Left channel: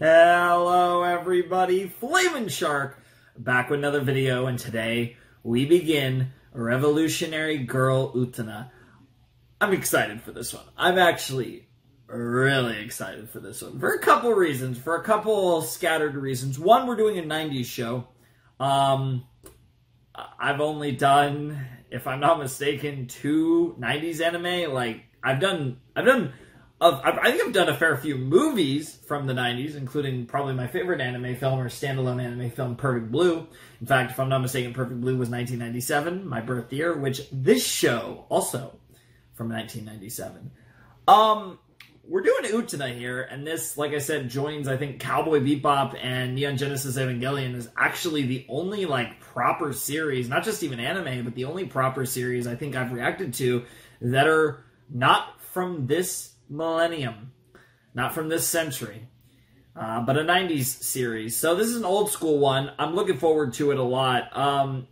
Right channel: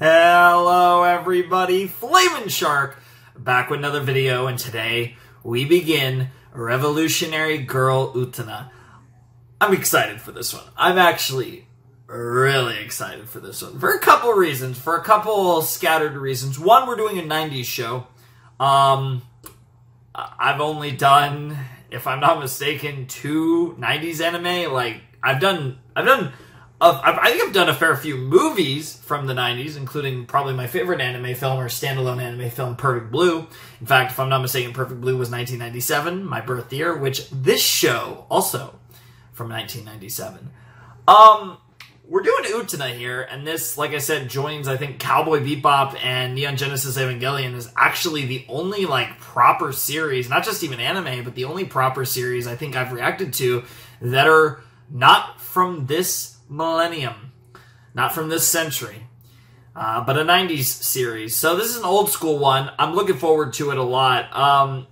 Hello everybody, Flamin' Shark, back with another video, and today we begin Revolutionary Girl Utena. I'm excited for this one. I'm actually really excited for this one. For a couple reasons, for a couple scattered reasons. One, we're doing a 90s show. I've only done, if I'm not mistaken, 2 90s anime. Like, I think I've done a fair few movies from the 90s, including probably my favorite anime film or standalone anime film, Perfect Blue. In fact, if I'm not mistaken, Perfect Blue was 1997, my birth year, which this show, also from 1997. We're doing Utena here, and this, like I said, joins, I think, Cowboy Bebop and Neon Genesis Evangelion is actually the only, like, proper series, not just even anime, but the only proper series I think I've reacted to that are not from this millennium, not from this century, but a 90s series. So this is an old school one. I'm looking forward to it a lot.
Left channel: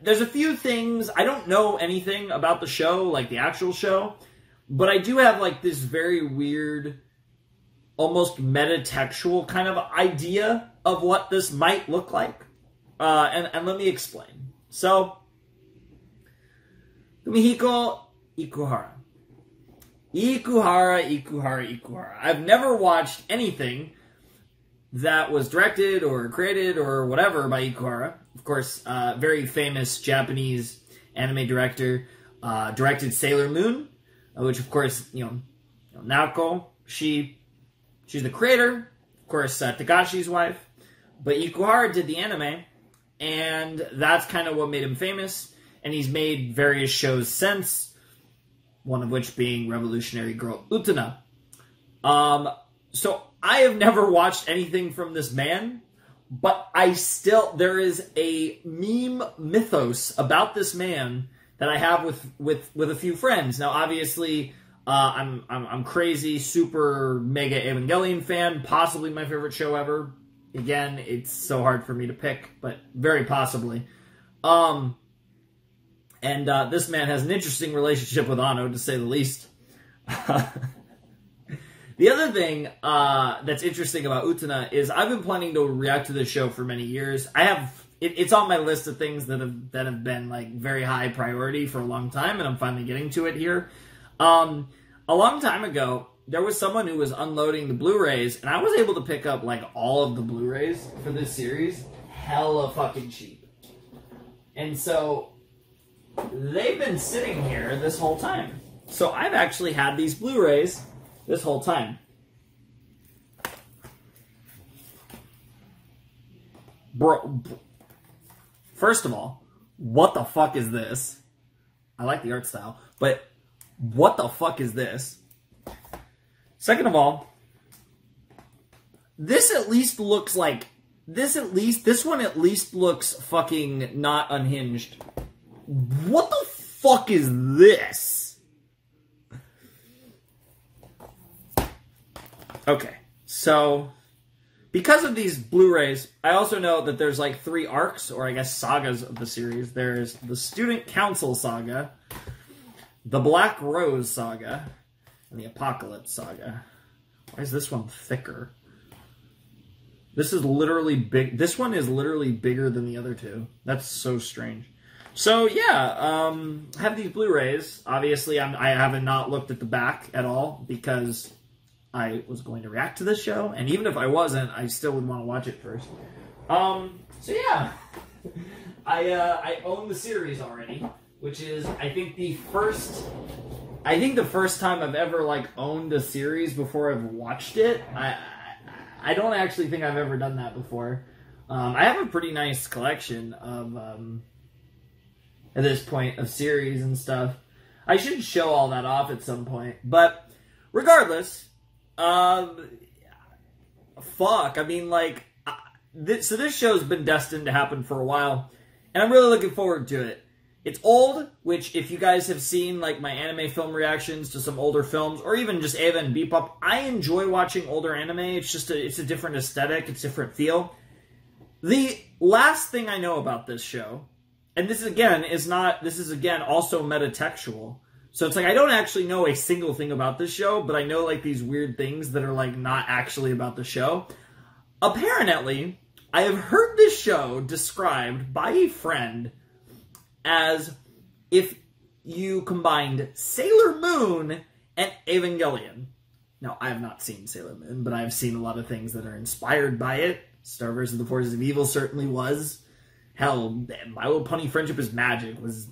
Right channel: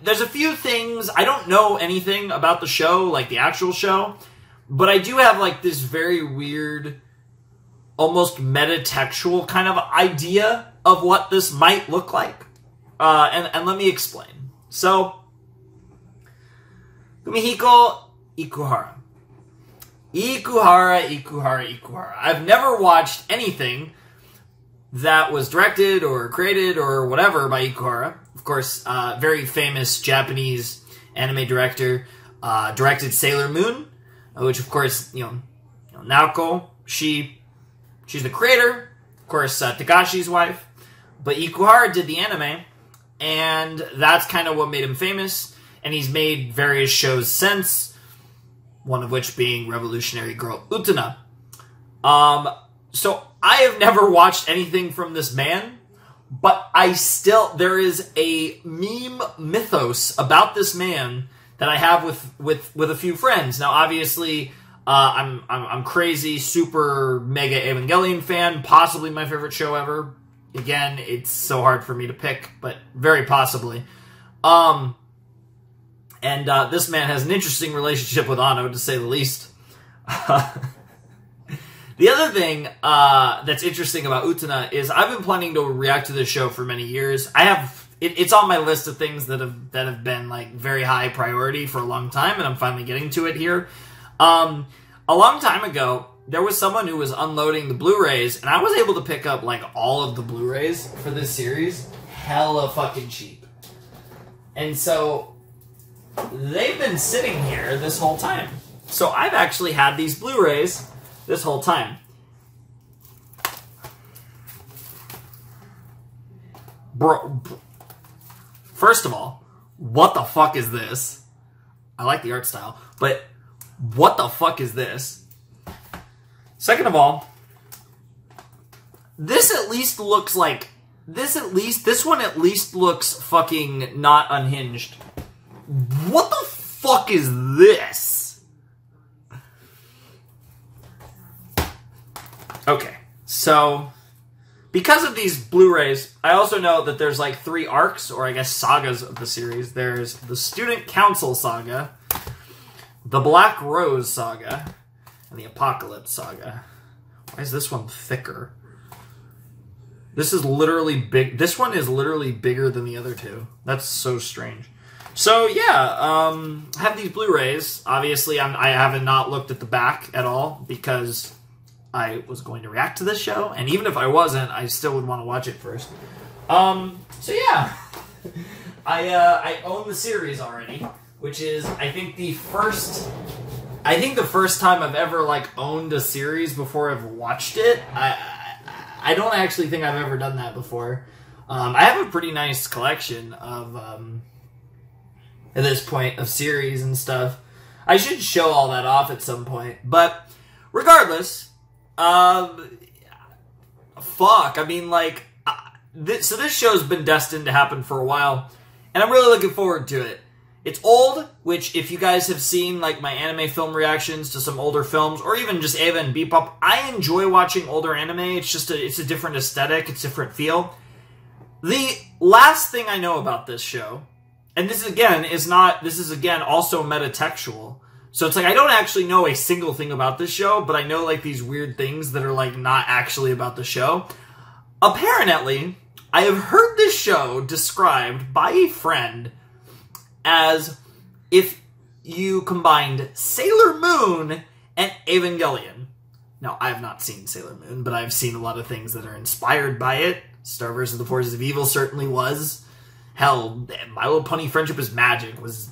There's a few things, I don't know anything about the show, like the actual show, but I do have like this very weird, almost metatextual kind of idea of what this might look like. And let me explain. So, Kumihiko Ikuhara. Ikuhara. I've never watched anything that was directed or created or whatever by Ikuhara. Of course, very famous Japanese anime director, directed Sailor Moon, which of course, Naoko, she's the creator. Of course, Takashi's wife. But Ikuhara did the anime, and that's kind of what made him famous. And he's made various shows since, one of which being Revolutionary Girl Utena. So I have never watched anything from this man, but there is a meme mythos about this man that I have with a few friends. Now, obviously, I'm crazy, super mega Evangelion fan, possibly my favorite show ever. Again, it's so hard for me to pick, but very possibly. And this man has an interesting relationship with Anno, to say the least. The other thing that's interesting about Utena is I've been planning to react to this show for many years. It's on my list of things that have been like very high priority for a long time, and I'm finally getting to it here. A long time ago, there was someone who was unloading the Blu-rays, and I was able to pick up like all of the Blu-rays for this series hella fucking cheap. And so they've been sitting here this whole time. So I've actually had these Blu-rays this whole time. Bro, first of all, what the fuck is this? I like the art style, but what the fuck is this? Second of all, this one at least looks fucking not unhinged. What the fuck is this? Okay, so because of these Blu-rays, I also know that there's like 3 arcs, or I guess sagas of the series. There's the Student Council saga, the Black Rose saga, and the Apocalypse saga. Why is this one thicker? This is literally big. This one is literally bigger than the other 2. That's so strange. So yeah, I have these Blu-rays. Obviously, I haven't not looked at the back at all because I was going to react to this show, and even if I wasn't, I still would want to watch it first. So yeah, I own the series already, which is I think the first time I've ever like owned a series before I've watched it. I don't actually think I've ever done that before. I have a pretty nice collection of at this point of series and stuff. I should show all that off at some point, but regardless, fuck, I mean, like, so this show's been destined to happen for a while, and I'm really looking forward to it. It's old, which if you guys have seen like my anime film reactions to some older films, or even just Eva and Bebop, I enjoy watching older anime. It's a different aesthetic, it's a different feel. The last thing I know about this show, and this is again also metatextual, So it's like, I don't actually know a single thing about this show, but I know like these weird things that are like not actually about the show. Apparently, I have heard this show described by a friend as if you combined Sailor Moon and Evangelion. Now, I have not seen Sailor Moon, but I've seen a lot of things that are inspired by it. Star vs. the Forces of Evil certainly was. Hell, My Little Pony Friendship is Magic was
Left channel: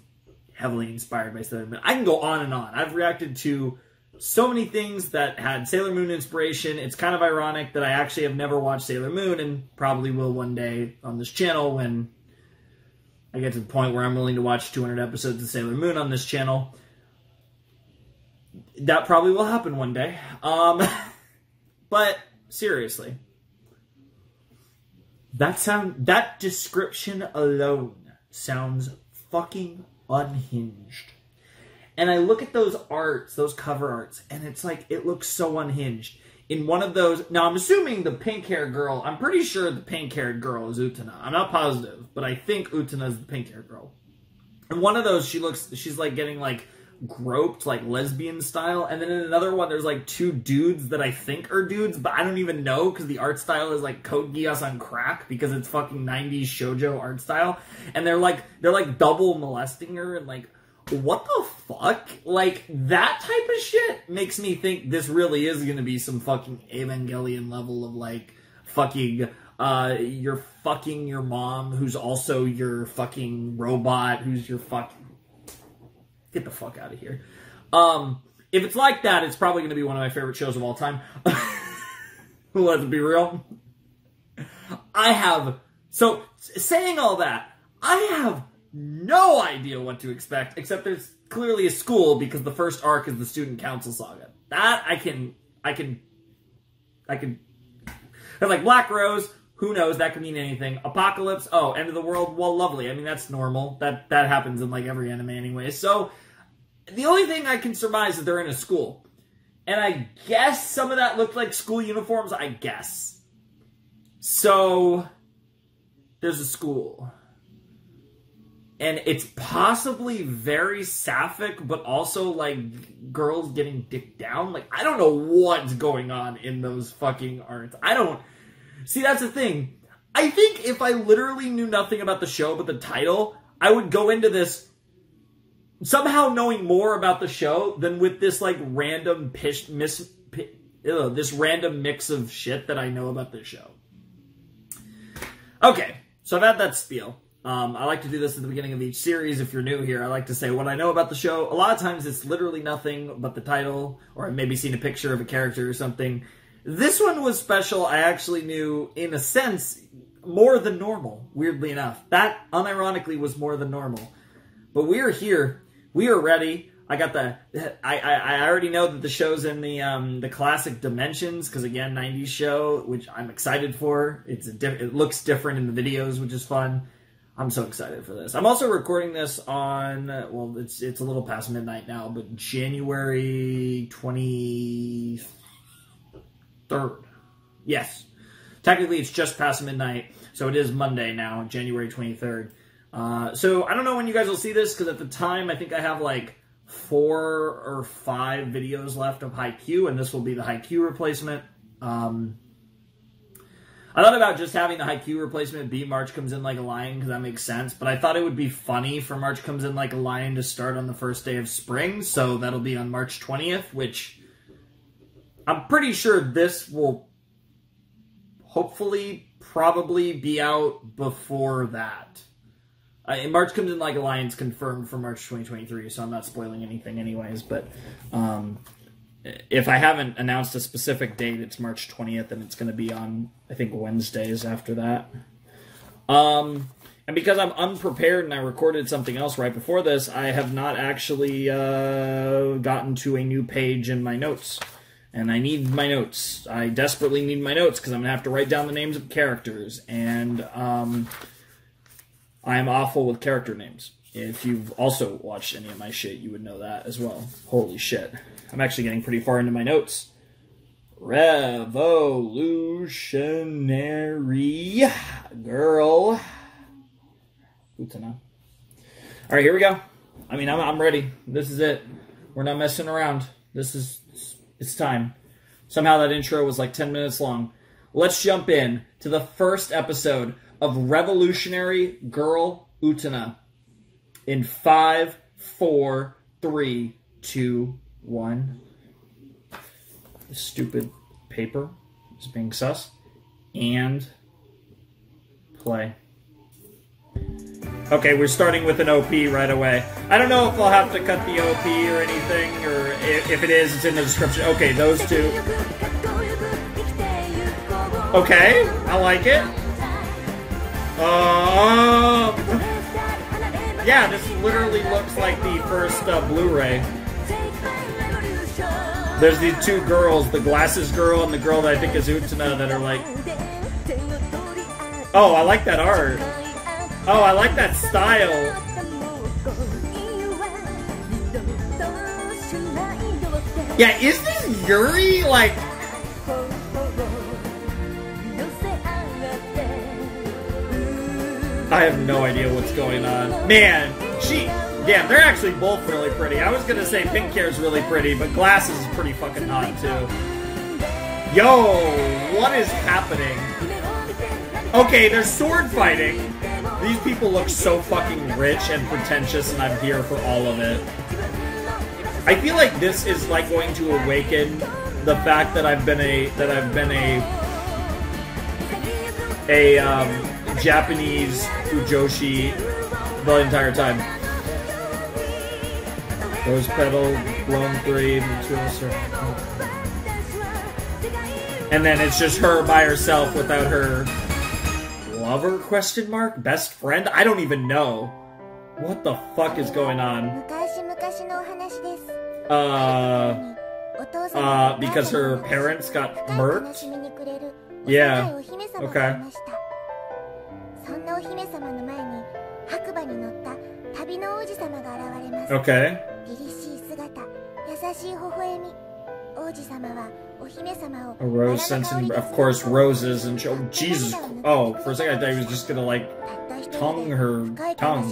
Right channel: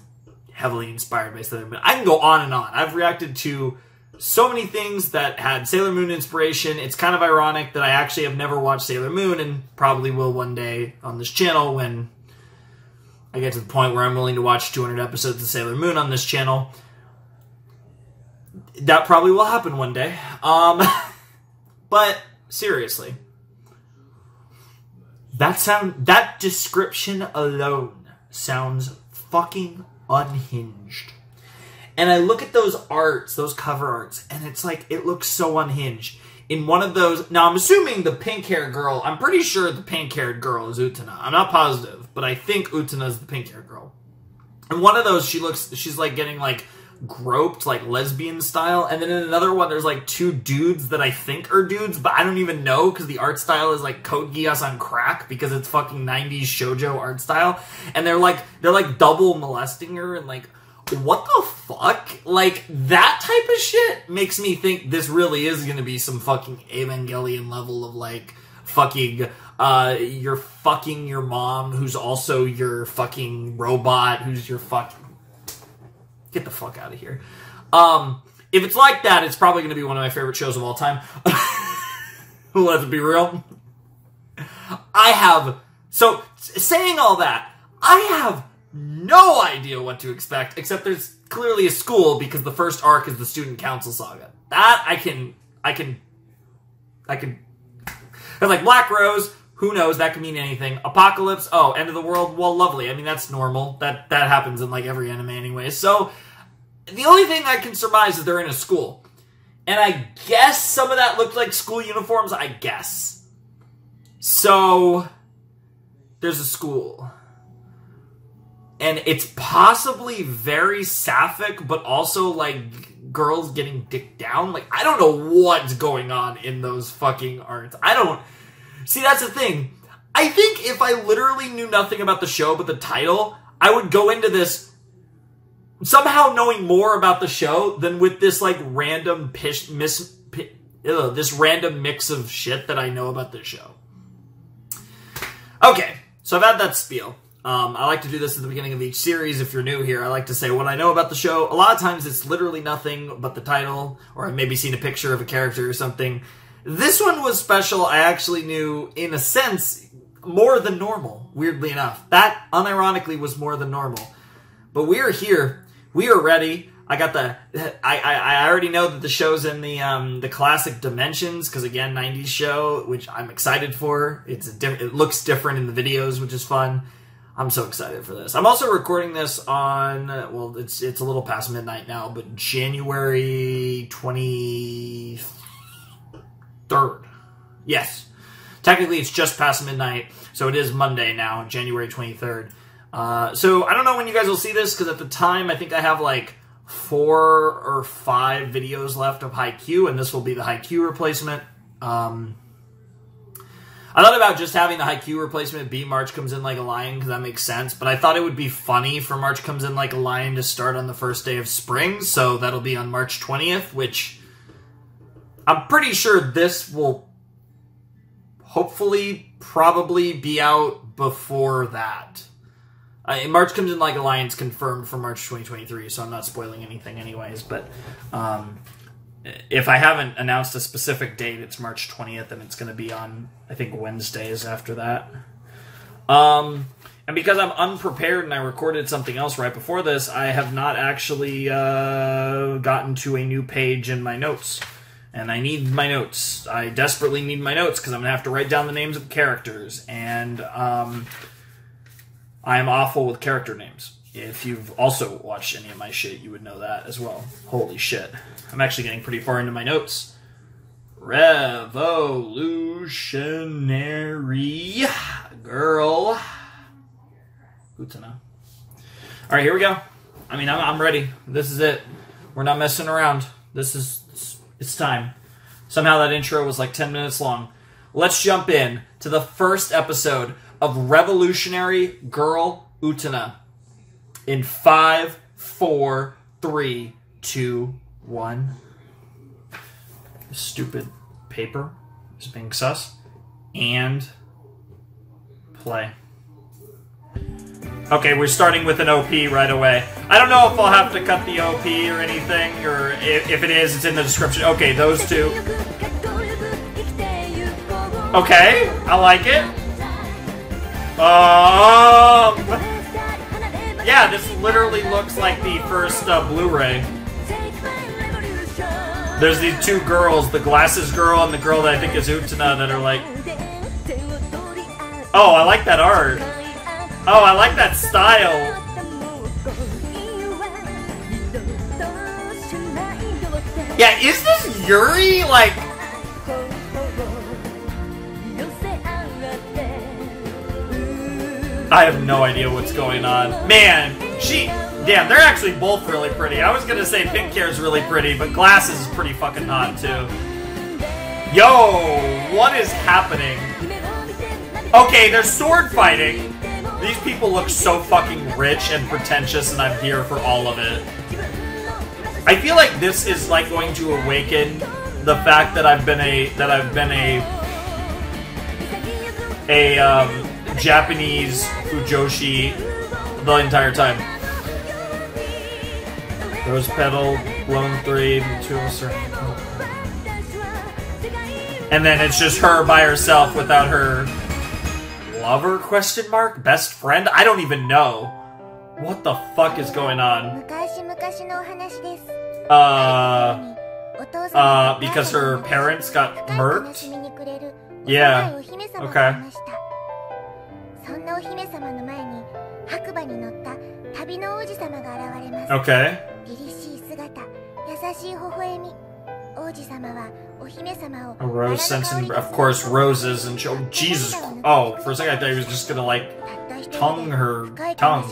heavily inspired by Sailor Moon. I can go on and on. I've reacted to so many things that had Sailor Moon inspiration. It's kind of ironic that I actually have never watched Sailor Moon and probably will one day on this channel when I get to the point where I'm willing to watch 200 episodes of Sailor Moon on this channel. That probably will happen one day. But seriously, that description alone sounds fucking unhinged. And I look at those arts, those cover arts, and it's like, it looks so unhinged. In one of those, now I'm assuming the pink-haired girl, I'm pretty sure the pink-haired girl is Utena. I'm not positive, but I think Utena is the pink-haired girl. In one of those, she's like getting like groped, like lesbian style. And then in another one, there's like two dudes that I think are dudes, but I don't even know because the art style is like Code Geass on crack because it's fucking 90s shoujo art style. And they're like double molesting her and like, what the fuck? Like, that type of shit makes me think this really is gonna be some fucking Evangelion level of like fucking you're fucking your mom who's also your fucking robot who's your fucking... Get the fuck out of here. If it's like that, it's probably going to be one of my favorite shows of all time. Let's be real. So, saying all that, I have no idea what to expect, except there's clearly a school because the first arc is the Student Council Saga. That I can... Like, Black Rose, who knows, that could mean anything. Apocalypse, oh, end of the world, well, lovely. I mean, that's normal. That happens in, like, every anime anyway. So, the only thing I can surmise is they're in a school. And I guess some of that looked like school uniforms, I guess. So, there's a school. And it's possibly very sapphic, but also, like, girls getting dicked down. Like, I don't know what's going on in those fucking arts. See, that's the thing. I think if I literally knew nothing about the show but the title, I would go into this somehow knowing more about the show than with this, like, random this random mix of shit that I know about this show. Okay, so I've had that spiel. I like to do this at the beginning of each series. If you're new here, I like to say what I know about the show. A lot of times it's literally nothing but the title, or I've maybe seen a picture of a character or something. This one was special. I actually knew, in a sense, more than normal, weirdly enough. That, unironically, was more than normal. But we are here. We are ready. I already know that the show's in the classic dimensions, because, again, 90s show, which I'm excited for. It looks different in the videos, which is fun. I'm so excited for this. I'm also recording this on, well, it's a little past midnight now, but January 23rd. Yes. Technically, it's just past midnight, so it is Monday now, January 23rd. So I don't know when you guys will see this, because at the time, I think I have like 4 or 5 videos left of Haikyuu, and this will be the Haikyuu replacement. I thought about just having the Haikyuu replacement be March Comes In Like a Lion, because that makes sense, but I thought it would be funny for March Comes In Like a Lion to start on the first day of spring, so that'll be on March 20th, which I'm pretty sure this will hopefully probably be out before that. March Comes In Like a Lion's confirmed for March 2023, so I'm not spoiling anything anyways, but if I haven't announced a specific date, it's March 20th, and it's going to be on, I think, Wednesdays after that. And because I'm unprepared and I recorded something else right before this, I have not actually gotten to a new page in my notes. And I need my notes. I desperately need my notes, because I'm going to have to write down the names of characters. And I'm awful with character names. If you've also watched any of my shit, you would know that as well. Holy shit. I'm actually getting pretty far into my notes. Revolutionary Girl. Utena. Alright, here we go. I mean, I'm ready. This is it. We're not messing around. It's time. Somehow that intro was like 10 minutes long. let's jump in to the first episode of Revolutionary Girl Utena. In 5, 4, 3, 2, 1. Stupid paper is being sus. And play. Okay, we're starting with an OP right away. I don't know if I'll have to cut the OP or anything, or if it is, it's in the description. Okay, those two. Okay, I like it. Yeah, this literally looks like the first Blu-ray. There's these two girls, the glasses girl and the girl that I think is Utena, that are like... Oh, I like that art. Oh, I like that style. Yeah, is this Yuri? Like... I have no idea what's going on. Man, damn, they're actually both really pretty. I was gonna say pink hair is really pretty, but glasses is pretty fucking hot, too. Yo, what is happening? Okay, they're sword fighting. These people look so fucking rich and pretentious, and I'm here for all of it. I feel like this is like going to awaken the fact that I've been a Japanese fujoshi the entire time. Rose petal, blown 3, material circle. And then it's just her by herself without her lover, question mark? Best friend? I don't even know. What the fuck is going on? Because her parents got murked? Yeah. Okay. Okay. A rose sensing, of course, roses and Jesus. Oh, for a second I thought he was just gonna like tongue her tongue.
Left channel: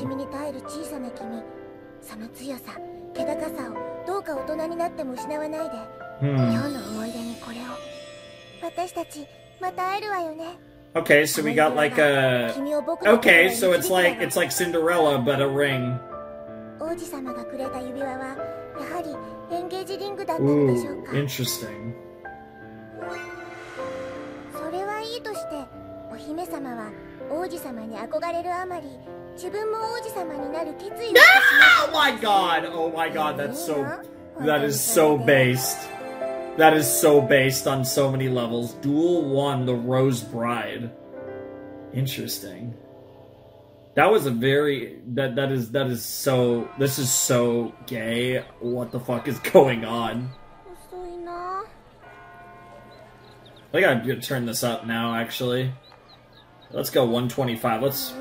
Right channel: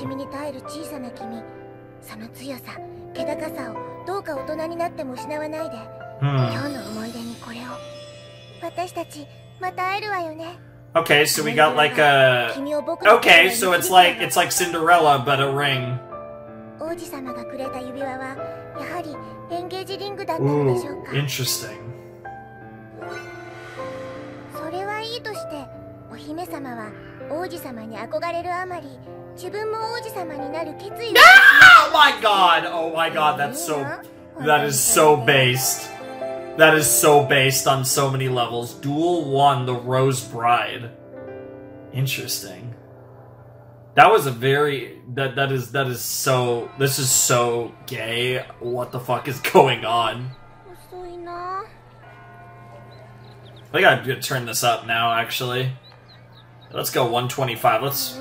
Okay, so we got like a... Okay, so it's like Cinderella, but a ring. Ooh, interesting. Oh my god! Oh my god, that is so based. That is so based on so many levels. Duel 1, the Rose Bride. Interesting. That was a very... This is so gay. What the fuck is going on? I think I'm gonna turn this up now, actually. Let's go 125. Let's...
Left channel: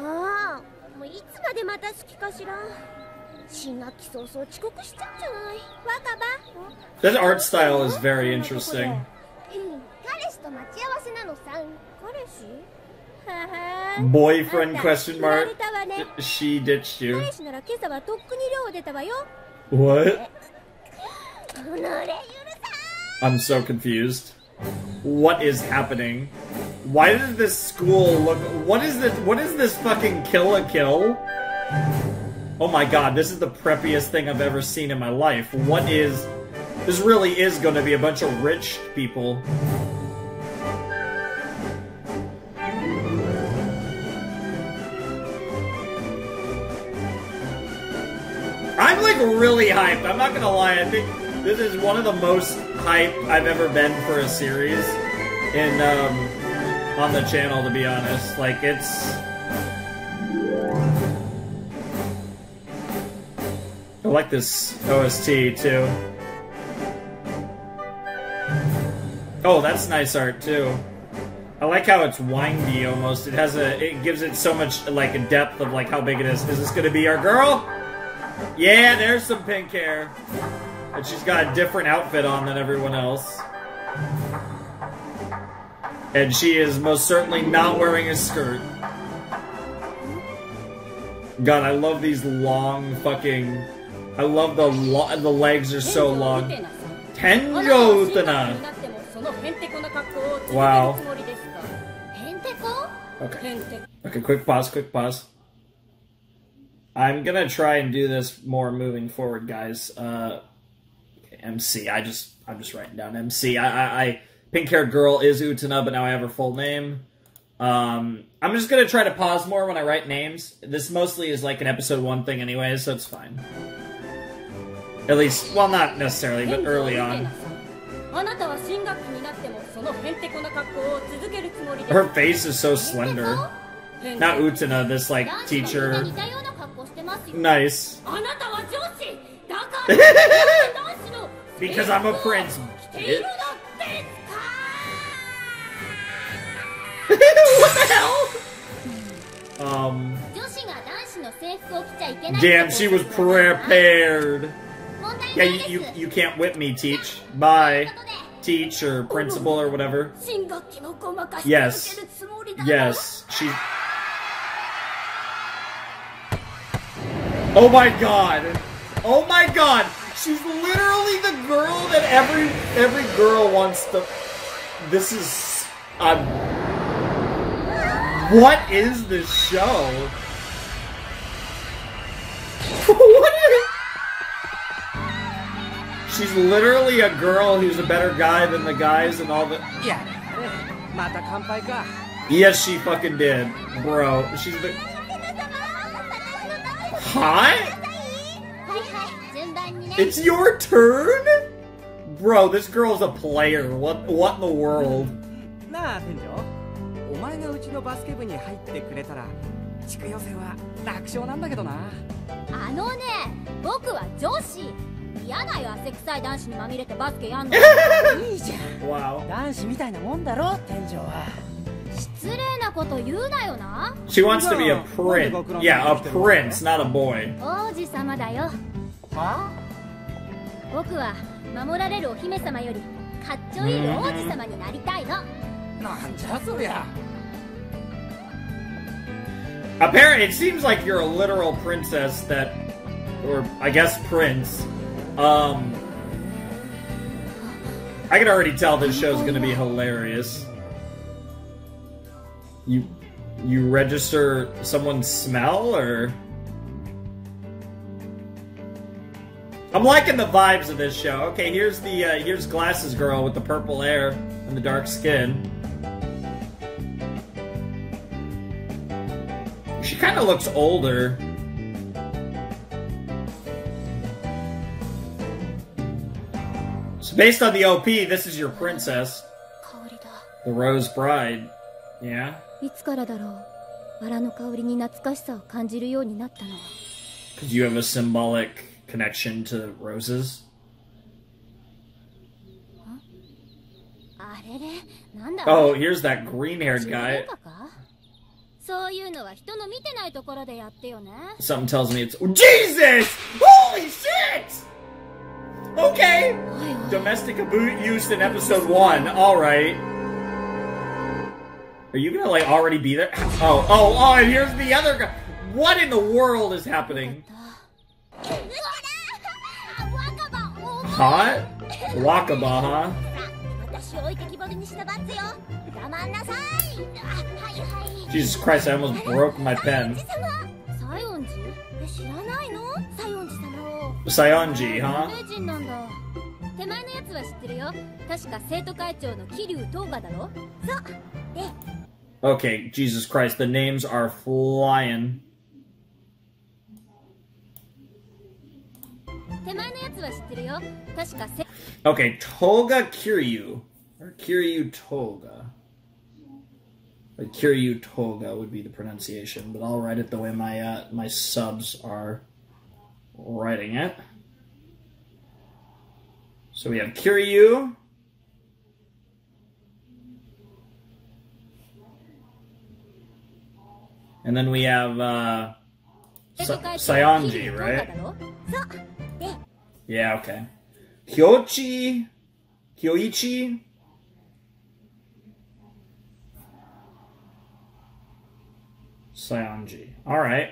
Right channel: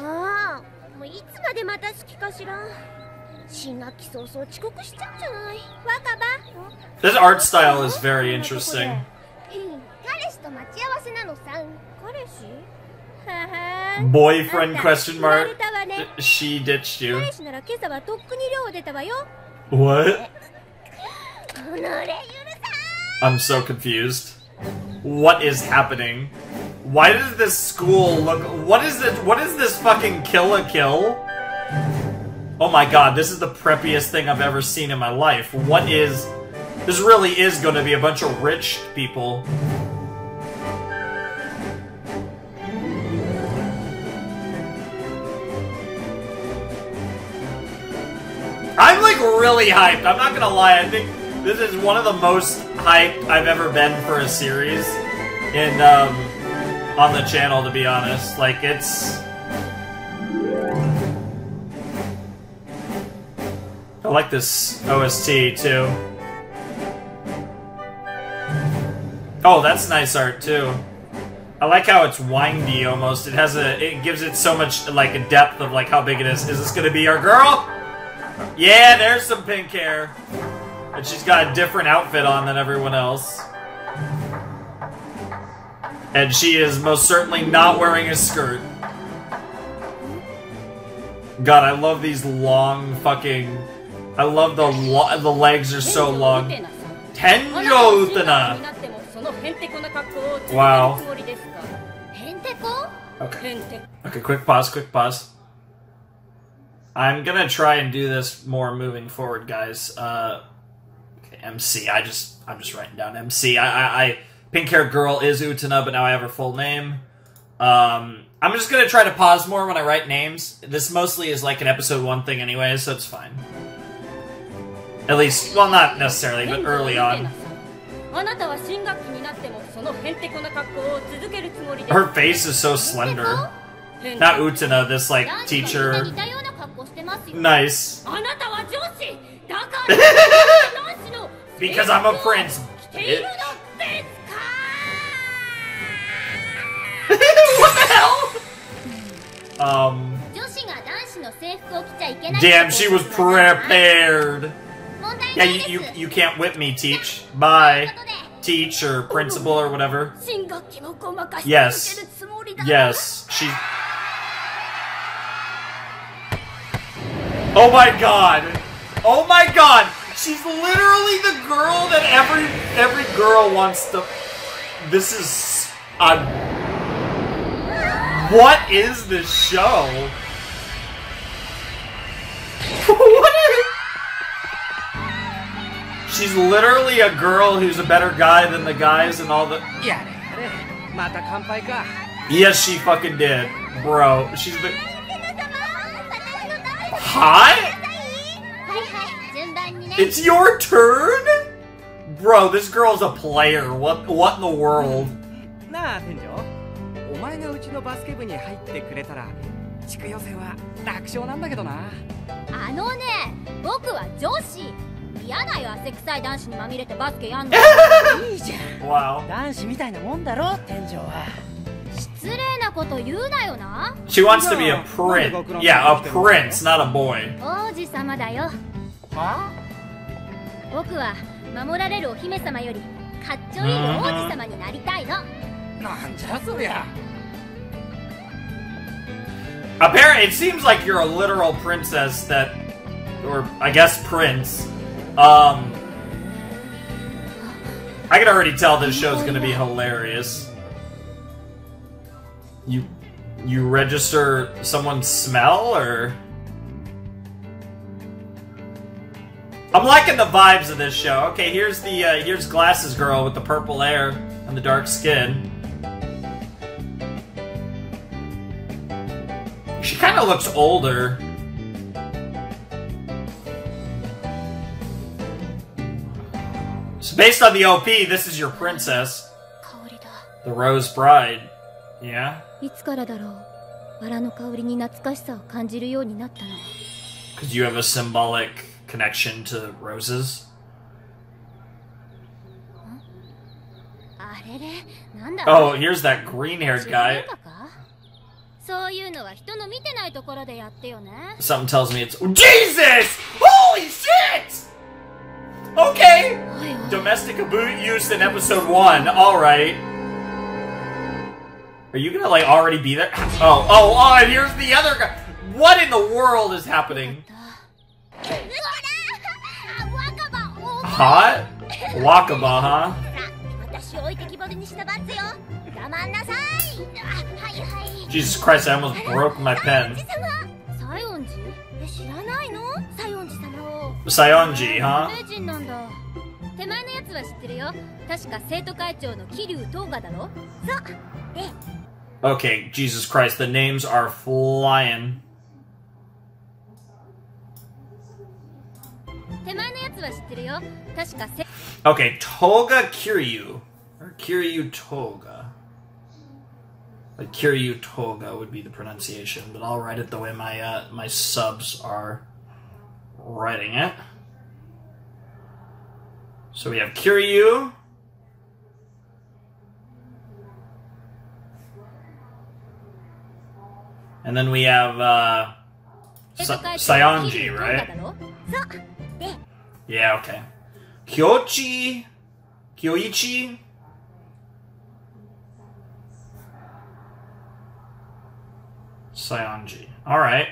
This art style is very interesting. Boyfriend, question mark? She ditched you. What? I'm so confused. What is happening? Why does this school look... What is this fucking Kill a Kill? Oh my god, this is the preppiest thing I've ever seen in my life. What is... This really is going to be a bunch of rich people. I'm like really hyped. I'm not gonna lie. I think this is one of the most hyped I've ever been for a series in on the channel, to be honest. Like, it's... I like this OST too. Oh, that's nice art too. I like how it's windy almost. It gives it so much like a depth of like how big it is. Is this gonna be our girl? Yeah, there's some pink hair. But she's got a different outfit on than everyone else. And she is most certainly not wearing a skirt. God, I love these long fucking... I love the legs are so long. Tenjo Utena! Wow. Okay. Okay, quick pause. I'm gonna try and do this more moving forward, guys. Okay, MC. I'm just writing down MC. Pink-haired girl is Utena, but now I have her full name. I'm just gonna try to pause more when I write names. This mostly is like an episode 1 thing anyway, so it's fine. At least, well, not necessarily, but early on. Her face is so slender. Not Utena, this, like, teacher. Nice. Because I'm a prince. What the hell? Damn, she was prepared. Yeah, you can't whip me, Teach. Bye. Teach or principal or whatever. Yes. Yes. She... Oh my god. Oh my god. She's literally the girl that every girl wants to... This is... What is this show? What is... She's literally a girl who's a better guy than the guys and all the... Yes, she fucking did. Bro, she's the... Hi? It's your turn? Bro, this girl's a player. What in the world? Wow. She wants to be a prince. Yeah, a prince, not a boy. Apparently, it seems like you're a literal princess that, or I guess prince. I can already tell this show's gonna be hilarious. You register someone's smell, or? I'm liking the vibes of this show. Okay, here's the here's Glasses Girl with the purple hair and the dark skin. She kind of looks older. So based on the OP, this is your princess. The Rose Bride. Yeah? Because you have a symbolic connection to roses? Oh, here's that green-haired guy. Something tells me it's... Jesus! Holy shit! Okay! Domestic abuse in episode 1. Alright. Are you gonna, like, already be there? Oh, and here's the other guy! What in the world is happening? Hot? Wakaba, huh? Jesus Christ, I almost broke my pen. Sayonji, huh? Okay, Jesus Christ, the names are flying. Okay, Toga Kiryu. Or Kiryu Toga. Like Kiryu Toga would be the pronunciation, but I'll write it the way my my subs are writing it. So we have Kiryu. And then we have Sayonji, right? Yeah, okay. Kyoichi. Sayonji. Alright.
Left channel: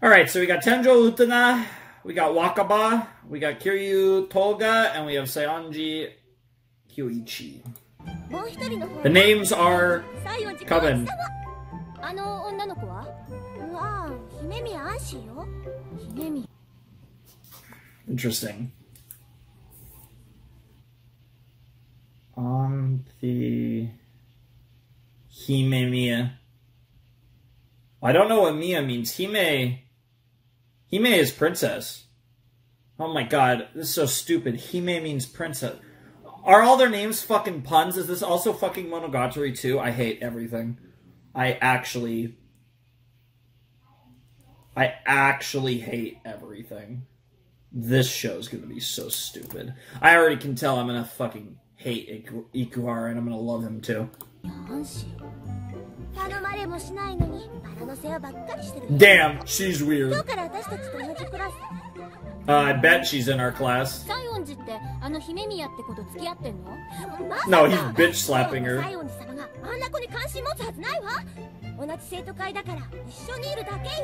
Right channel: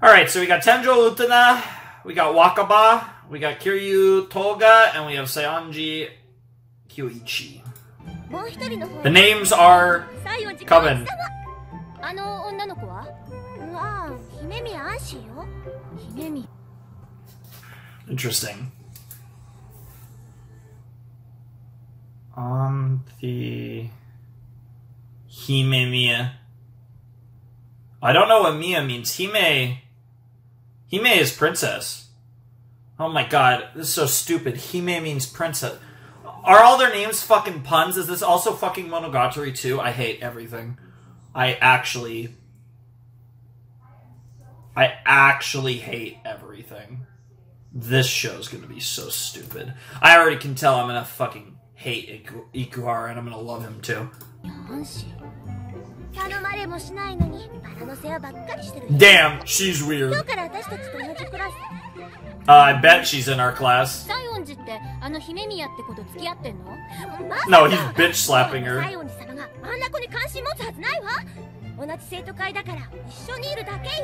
Alright, so we got Tenjo Utena, we got Wakaba, We got Kiryu Toga, and we have Saionji Kyoichi. The names are coming. Interesting. The Hime Mia. I don't know what Mia means. Hime is princess. Oh my god, this is so stupid. Hime means princess. Are all their names fucking puns? Is this also fucking Monogatari too? I hate everything. I actually hate everything. This show's gonna be so stupid. I already can tell I'm gonna fucking hate Ikuhara and I'm gonna love him too. Damn, she's weird. I bet she's in our class. No, he's bitch slapping her.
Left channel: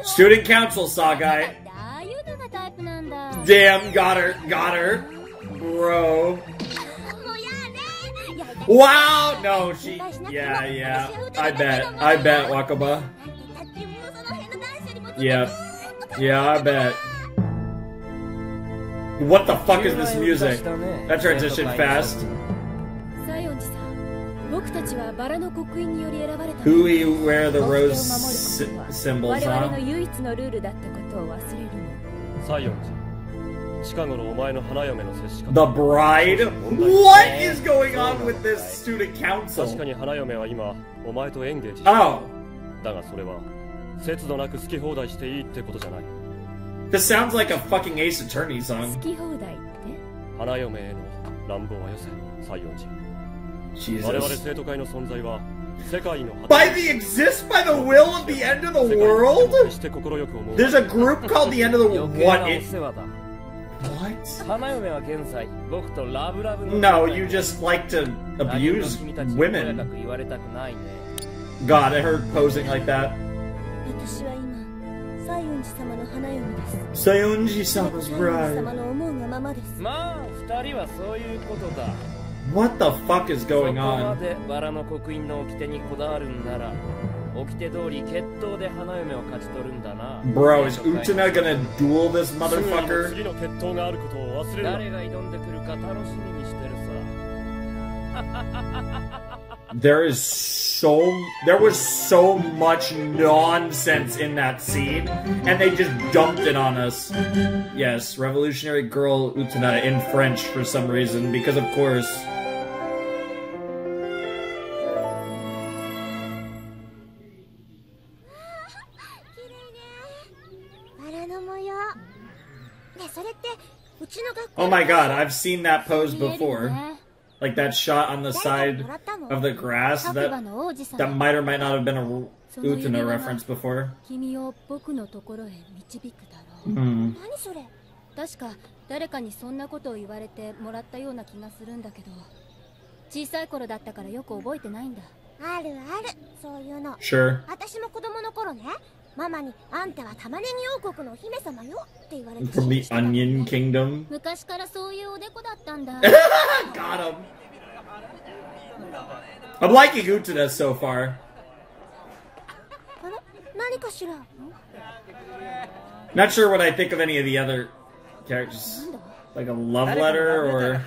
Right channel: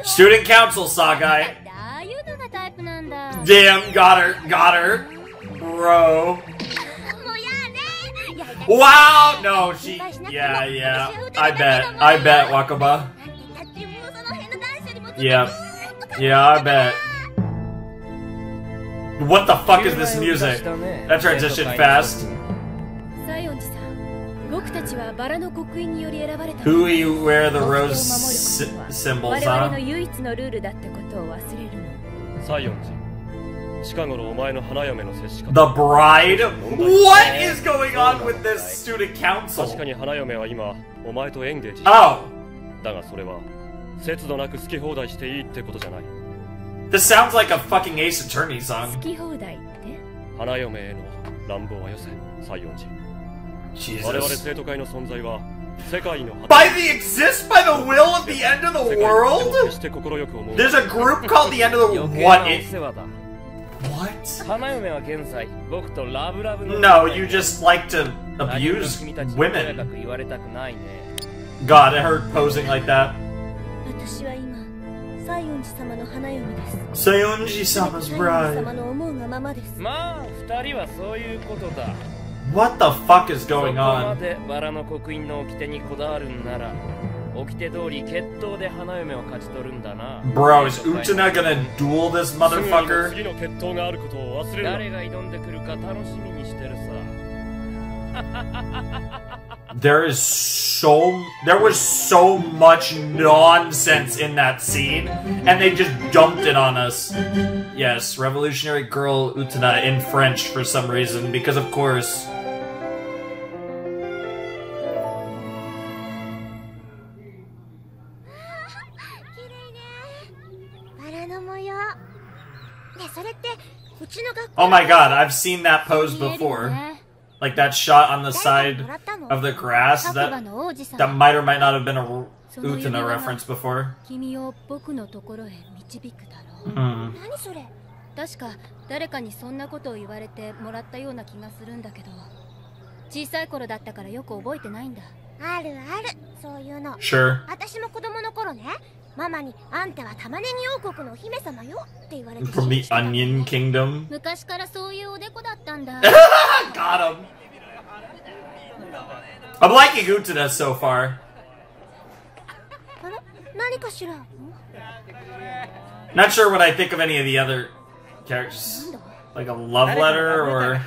Student council saga. Damn, got her. Bro. Wow! No, she... Yeah. I bet, Wakaba. Yeah, I bet. What the fuck is this music? That transitioned fast. Who you wear the rose symbols on? The bride? What is going on with this student council? Oh. This sounds like a fucking Ace Attorney song. Jesus. By the will of the end of the world? There's a group called the end of the world. What? No, you just like to abuse women. God, I heard posing like that. Saionji-sama's bride. What the fuck is going on? Bro, is Utena gonna duel this motherfucker? There was so much nonsense in that scene, and they just dumped it on us. Yes, Revolutionary Girl Utena in French for some reason, because of course. Oh my god, I've seen that pose before. Like that shot on the side of the grass, that might or might not have been a Utena reference before. Sure. From the Onion Kingdom. Got him. I'm liking Utena so far. Not sure what I think of any of the other characters. Like a love letter or...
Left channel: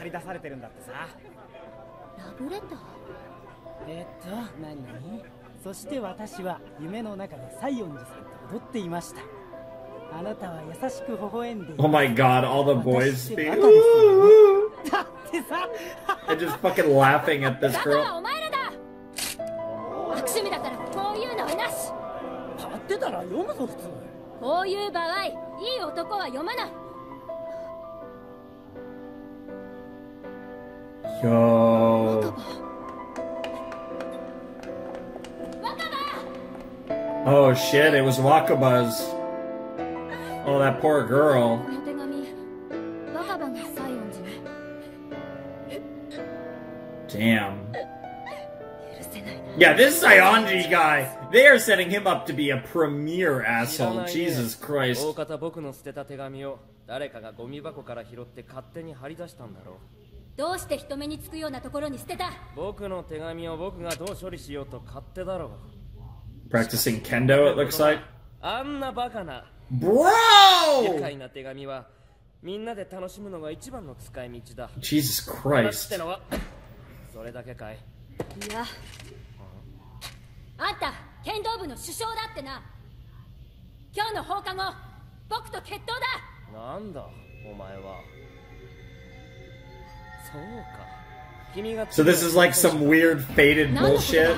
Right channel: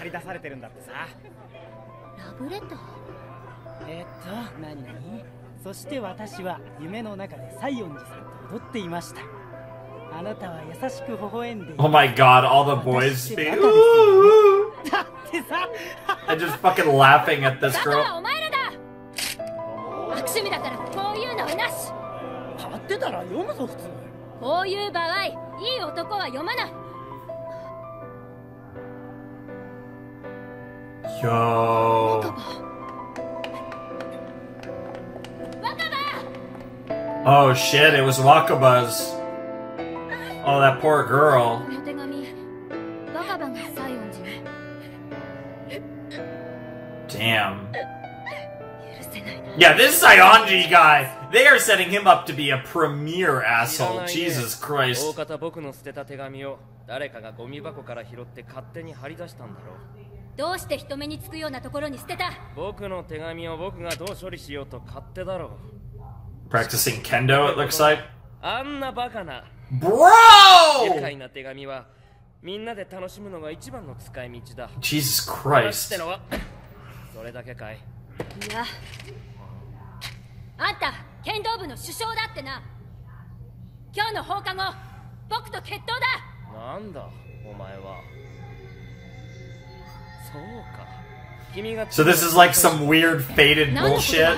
Oh my god, all the boys speak. I'm just fucking laughing at this girl. Yo. Oh shit, it was Wakaba's. Oh, that poor girl. Damn. Yeah, this Saionji guy, they are setting him up to be a premier asshole. Jesus Christ. 誰かがゴミ箱から拾って勝手に貼り出したんだろう。どうして人目につくようなところに捨てた？僕の手紙を僕がどう処理しようと勝手だろう。Practicing kendo, it looks like. あんなバカな。Bro! 愉快な手紙はみんなで楽しむのが一番の使い道だ。Jesus 話っ Christ. てのはそれだけかい？いや、あんた剣道部の首相だってな。今日の放課後僕と決闘だ。なんだお前は。そうか。君が So this is like some weird faded 何のことだ？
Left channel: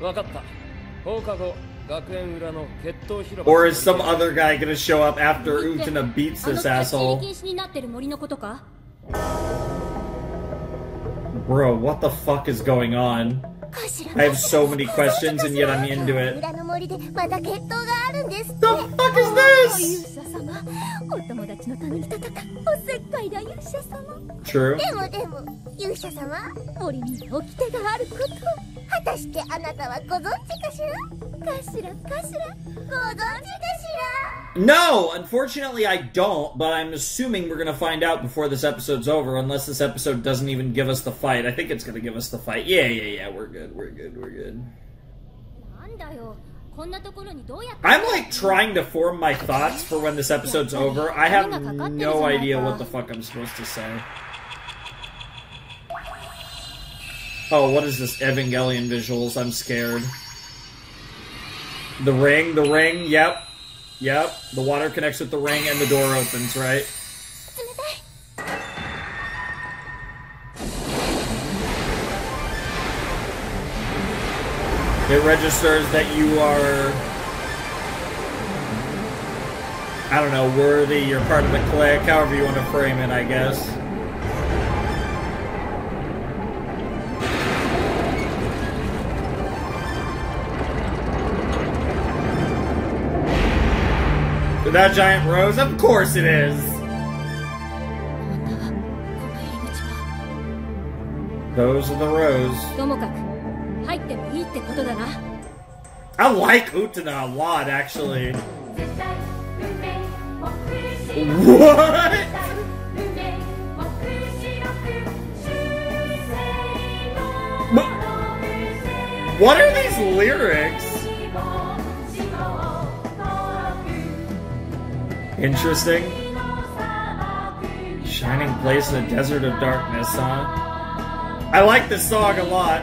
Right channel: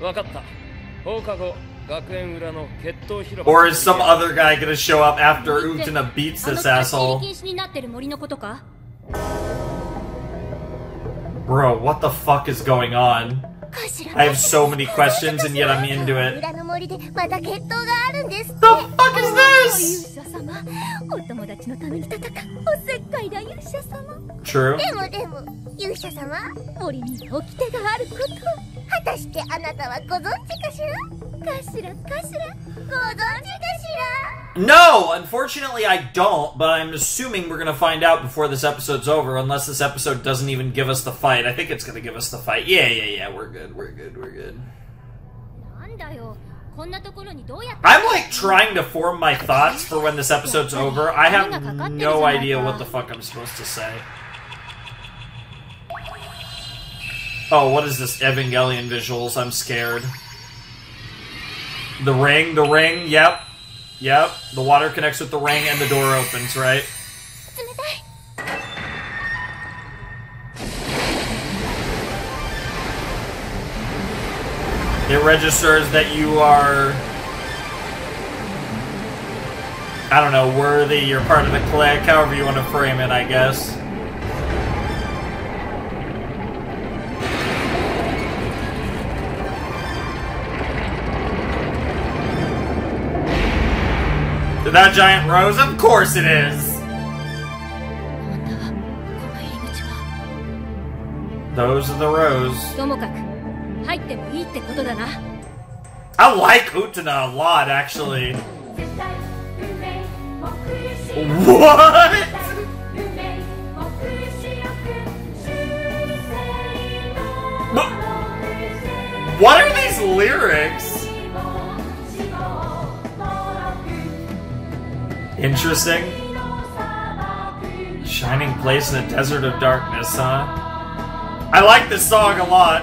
bullshit? わかった。放課後学園裏の決闘広場。 Or is some other guy gonna show up after Utena beats あの this 立ち入 asshole? り禁止になってる森のことか？ Bro, what the fuck is going on? I have so many questions and yet I'm into it. 裏の森でまた決闘があるんですって。 The fuck is 勇 this? 者様、お友達のために戦うおせっかいだ勇者様。 True. でも勇者様、森には掟があること。果たしてあなたはご存知かしら？ご存知かしら？ No, unfortunately I don't, but I'm assuming we're gonna find out before this episode's over, unless this episode doesn't even give us the fight. I think it's gonna give us the fight. Yeah, we're good. なんだよ、こんなところにどうやって？ I'm like trying to form my thoughts for when this episode's over. I have no idea what the fuck I'm supposed to say. Oh, what is this Evangelion visuals? I'm scared. The ring, yep. The water connects with the ring and the door opens, right? It registers that you are, I don't know, worthy, you're part of the clique, however you want to frame it, I guess. That giant rose? Of course it is! Those are the rose. ともかく入ってもいいってことだな。 I like Utena a lot, actually. What? What are these lyrics? Interesting. Shining place in a desert of darkness, huh? I like this song a lot.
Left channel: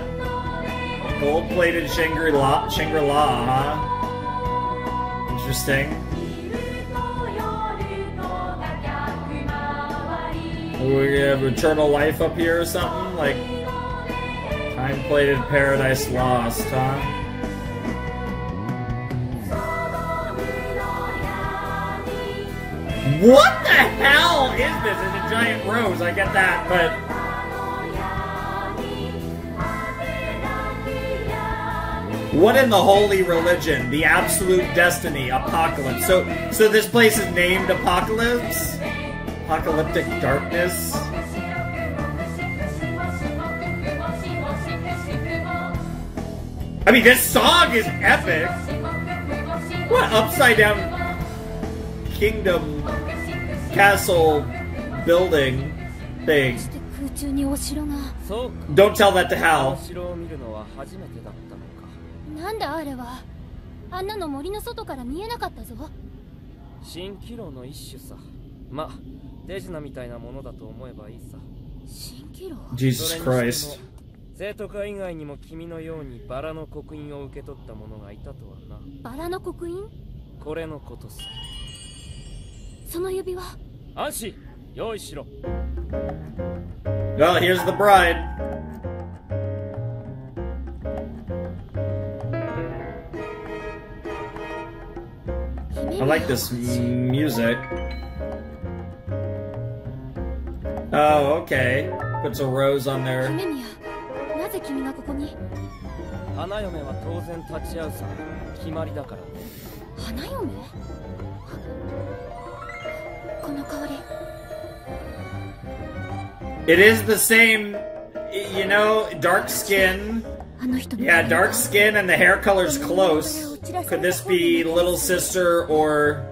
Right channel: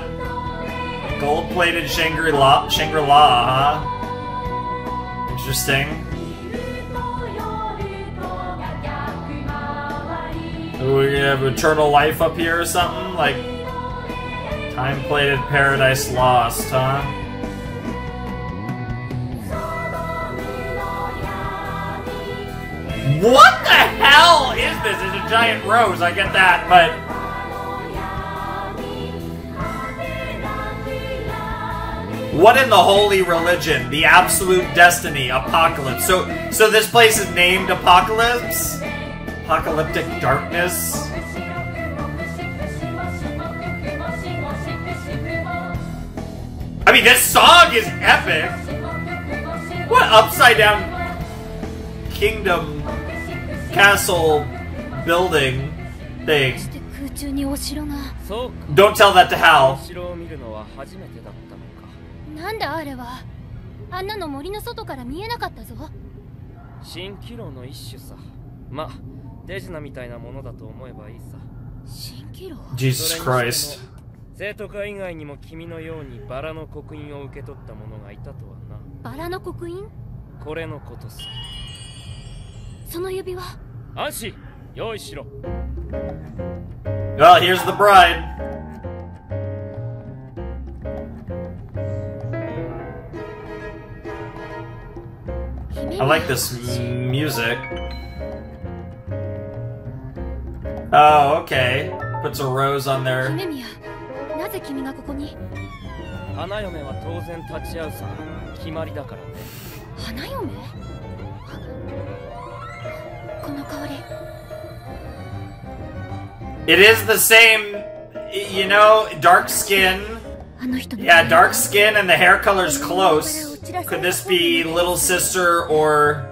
Gold-plated Shangri-La, huh? Interesting. Ooh, we have eternal life up here or something? Like, time-plated Paradise Lost, huh? What the hell is this? It's a giant rose, I get that, but... What in the holy religion? The absolute destiny, apocalypse. So this place is named Apocalypse? Apocalyptic darkness? I mean, this song is epic! What upside down kingdom, castle, building thing? Don't tell that to Hal. なんだあれは。あんなの森の外から見えなかったぞ。蜃気楼の一種さ。ま、手品みたいなものだと思えばいいさ。蜃気楼 Jesus Christ. 生徒会以外にも君のようにバラの刻印を受け取った者がいたとはな。バラの刻印？これのことさ。その指輪。安心、用意しろ。Well, here's the bride. I like this music. Oh, okay. Puts a rose on there. 姫宮、なぜ君がここに？花嫁は当然立ち会うさ。決まりだからね。花嫁？この香り。It is the same, you know, dark skin. Yeah, dark skin and the hair color's close. Could this be little sister or...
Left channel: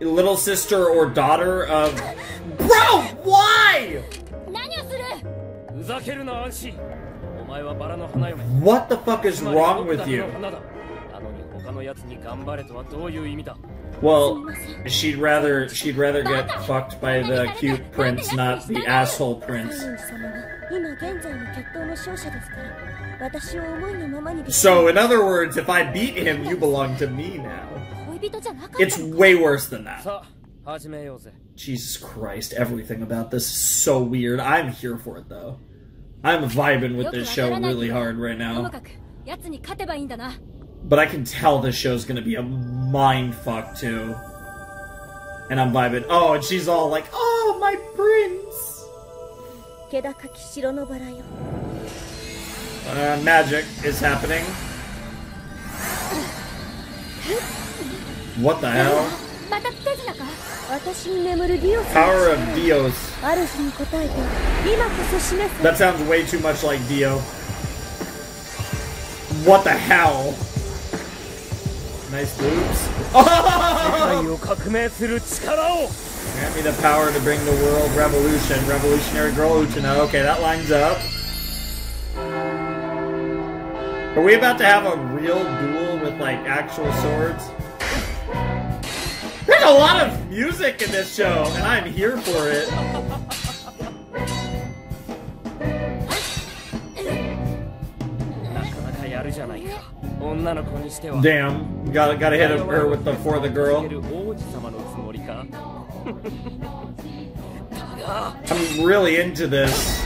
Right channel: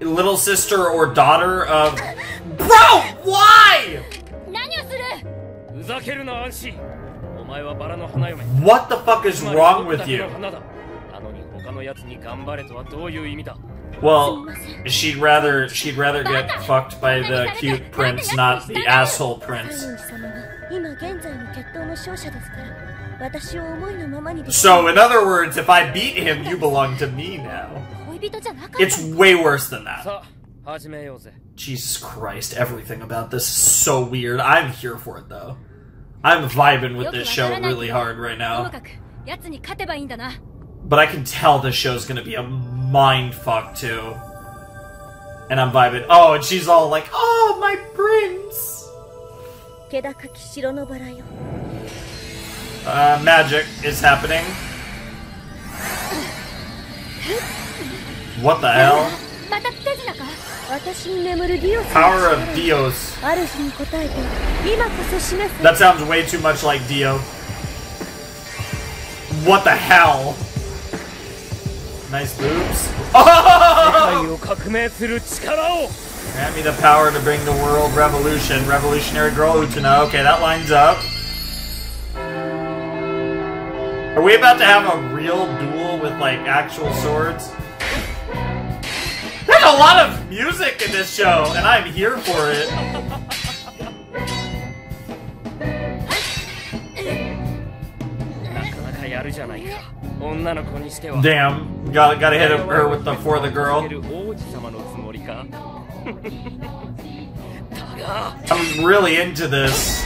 little sister or daughter of... Bro, why? 何をする。ふざけるな、アンシ。お前はバラの花嫁。 What the fuck is wrong with you? なのに他のやつに頑張れとはどういう意味だ。 Well, she'd rather get fucked by the cute prince, not the asshole prince. So, in other words, if I beat him, you belong to me now. It's way worse than that. Jesus Christ, everything about this is so weird. I'm here for it, though. I'm vibing with this show really hard right now. But I can tell this show's gonna be a mindfuck, too. And I'm vibing. Oh, and she's all like, oh, my prince! Magic is happening. What the hell? Power of Dios. That sounds way too much like Dio. What the hell? Nice boobs. Oh! Grant me the power to bring the world revolution. Revolutionary girl Utena. Okay, that lines up. Are we about to have a real duel with, like, actual swords? There's a lot of music in this show, and I'm here for it. Damn, gotta hit her with the for the girl. I'm really into this.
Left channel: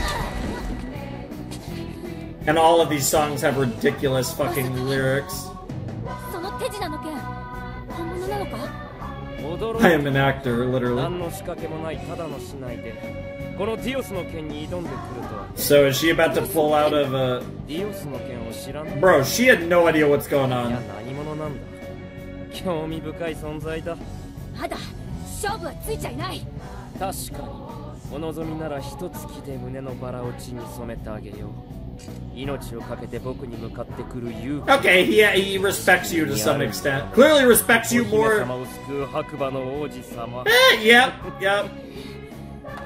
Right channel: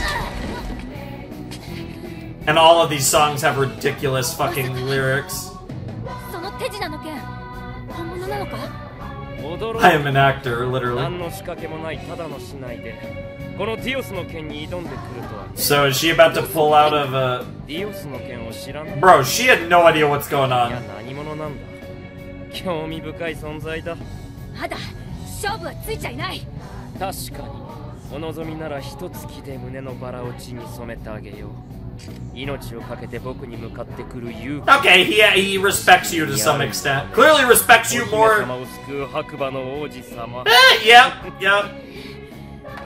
And all of these songs have ridiculous fucking lyrics. I am an actor, literally. So is she about to pull out of a... Bro, she had no idea what's going on. Okay, he respects you to some extent. Clearly respects you more. Yep.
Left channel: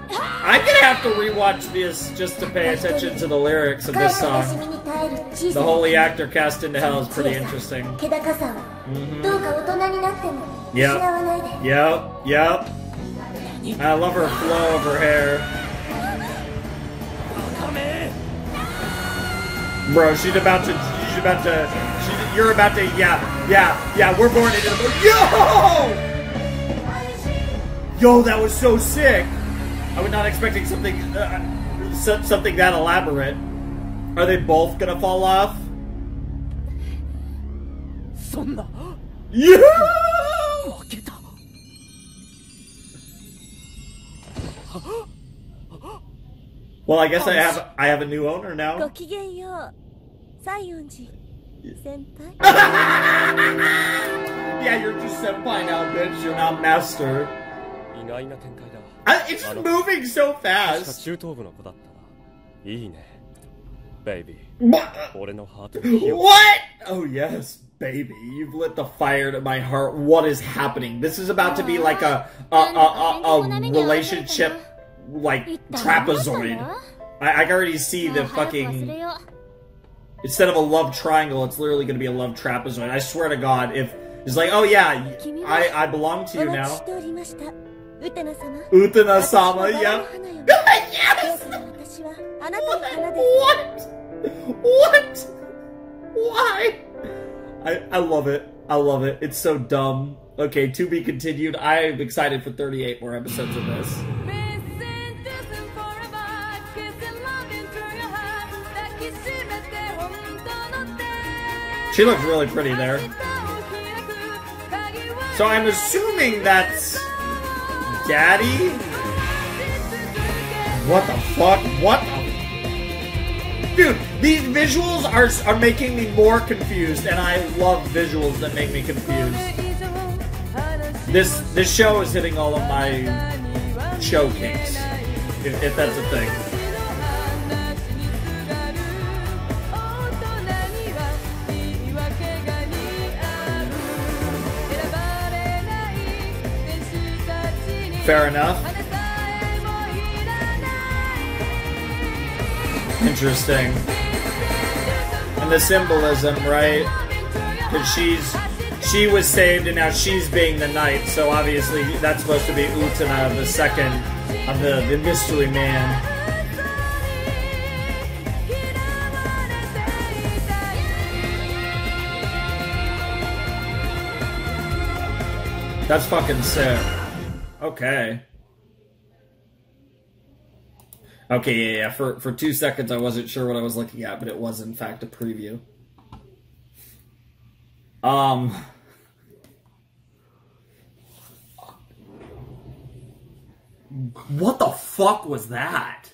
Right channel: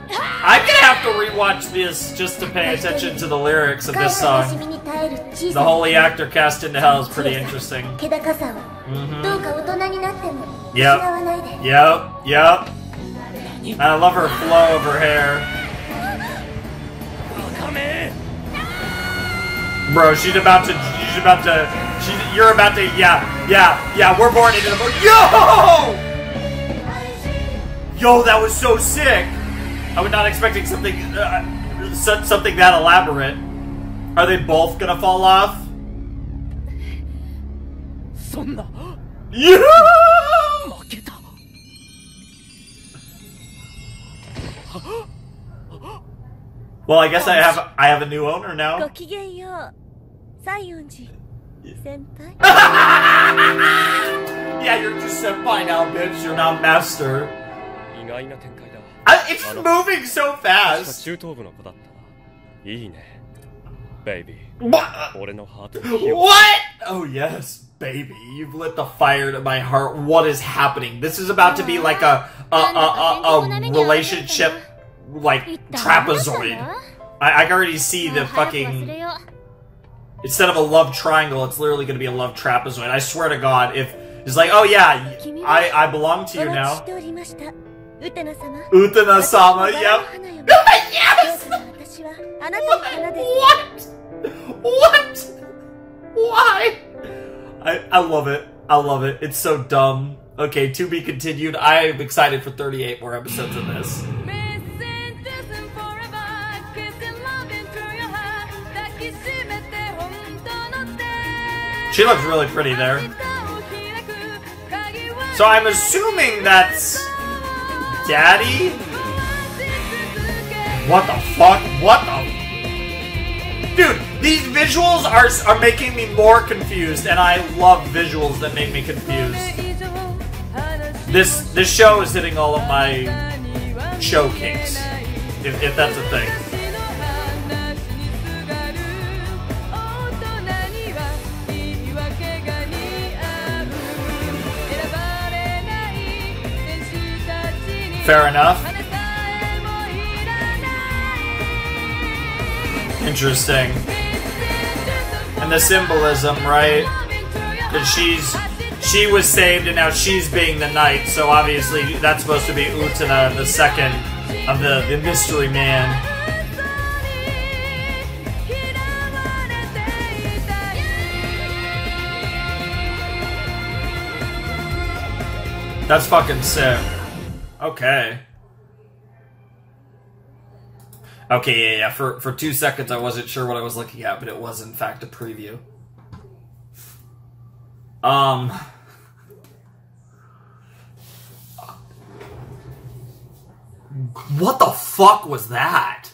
I'm gonna have to rewatch this just to pay attention to the lyrics of this song. The holy actor cast into hell is pretty interesting. Yep. I love her flow of her hair. Bro, you're about to, yeah, we're born into the... Yo, that was so sick! I was not expecting something that elaborate. Are they both gonna fall off? Yeah! Well, I guess I have a new owner now. Yeah, you're just senpai now, bitch. You're now master. It's moving so fast. What? Oh yes, baby. You've lit the fire to my heart. What is happening? This is about to be like a relationship, like trapezoid. I can already see the fucking... Instead of a love triangle, it's literally going to be a love trapezoid. I swear to God, if it's like, oh yeah, I belong to you now. Utena-sama, yep. Yes! What? Why? I love it. I love it. It's so dumb. Okay, to be continued. I am excited for 38 more episodes of this. She looks really pretty there. So I'm assuming that's... Daddy? What the fuck? What the... Dude, these visuals are making me more confused, and I love visuals that make me confused. This show is hitting all of my show kinks, if that's a thing. Fair enough. Interesting. And the symbolism, right? That she was saved and now she's being the knight, so obviously that's supposed to be Utena, the second of the mystery man. That's fucking sick. Okay. Okay, yeah. For 2 seconds I wasn't sure what I was looking at, but it was in fact a preview. What the fuck was that?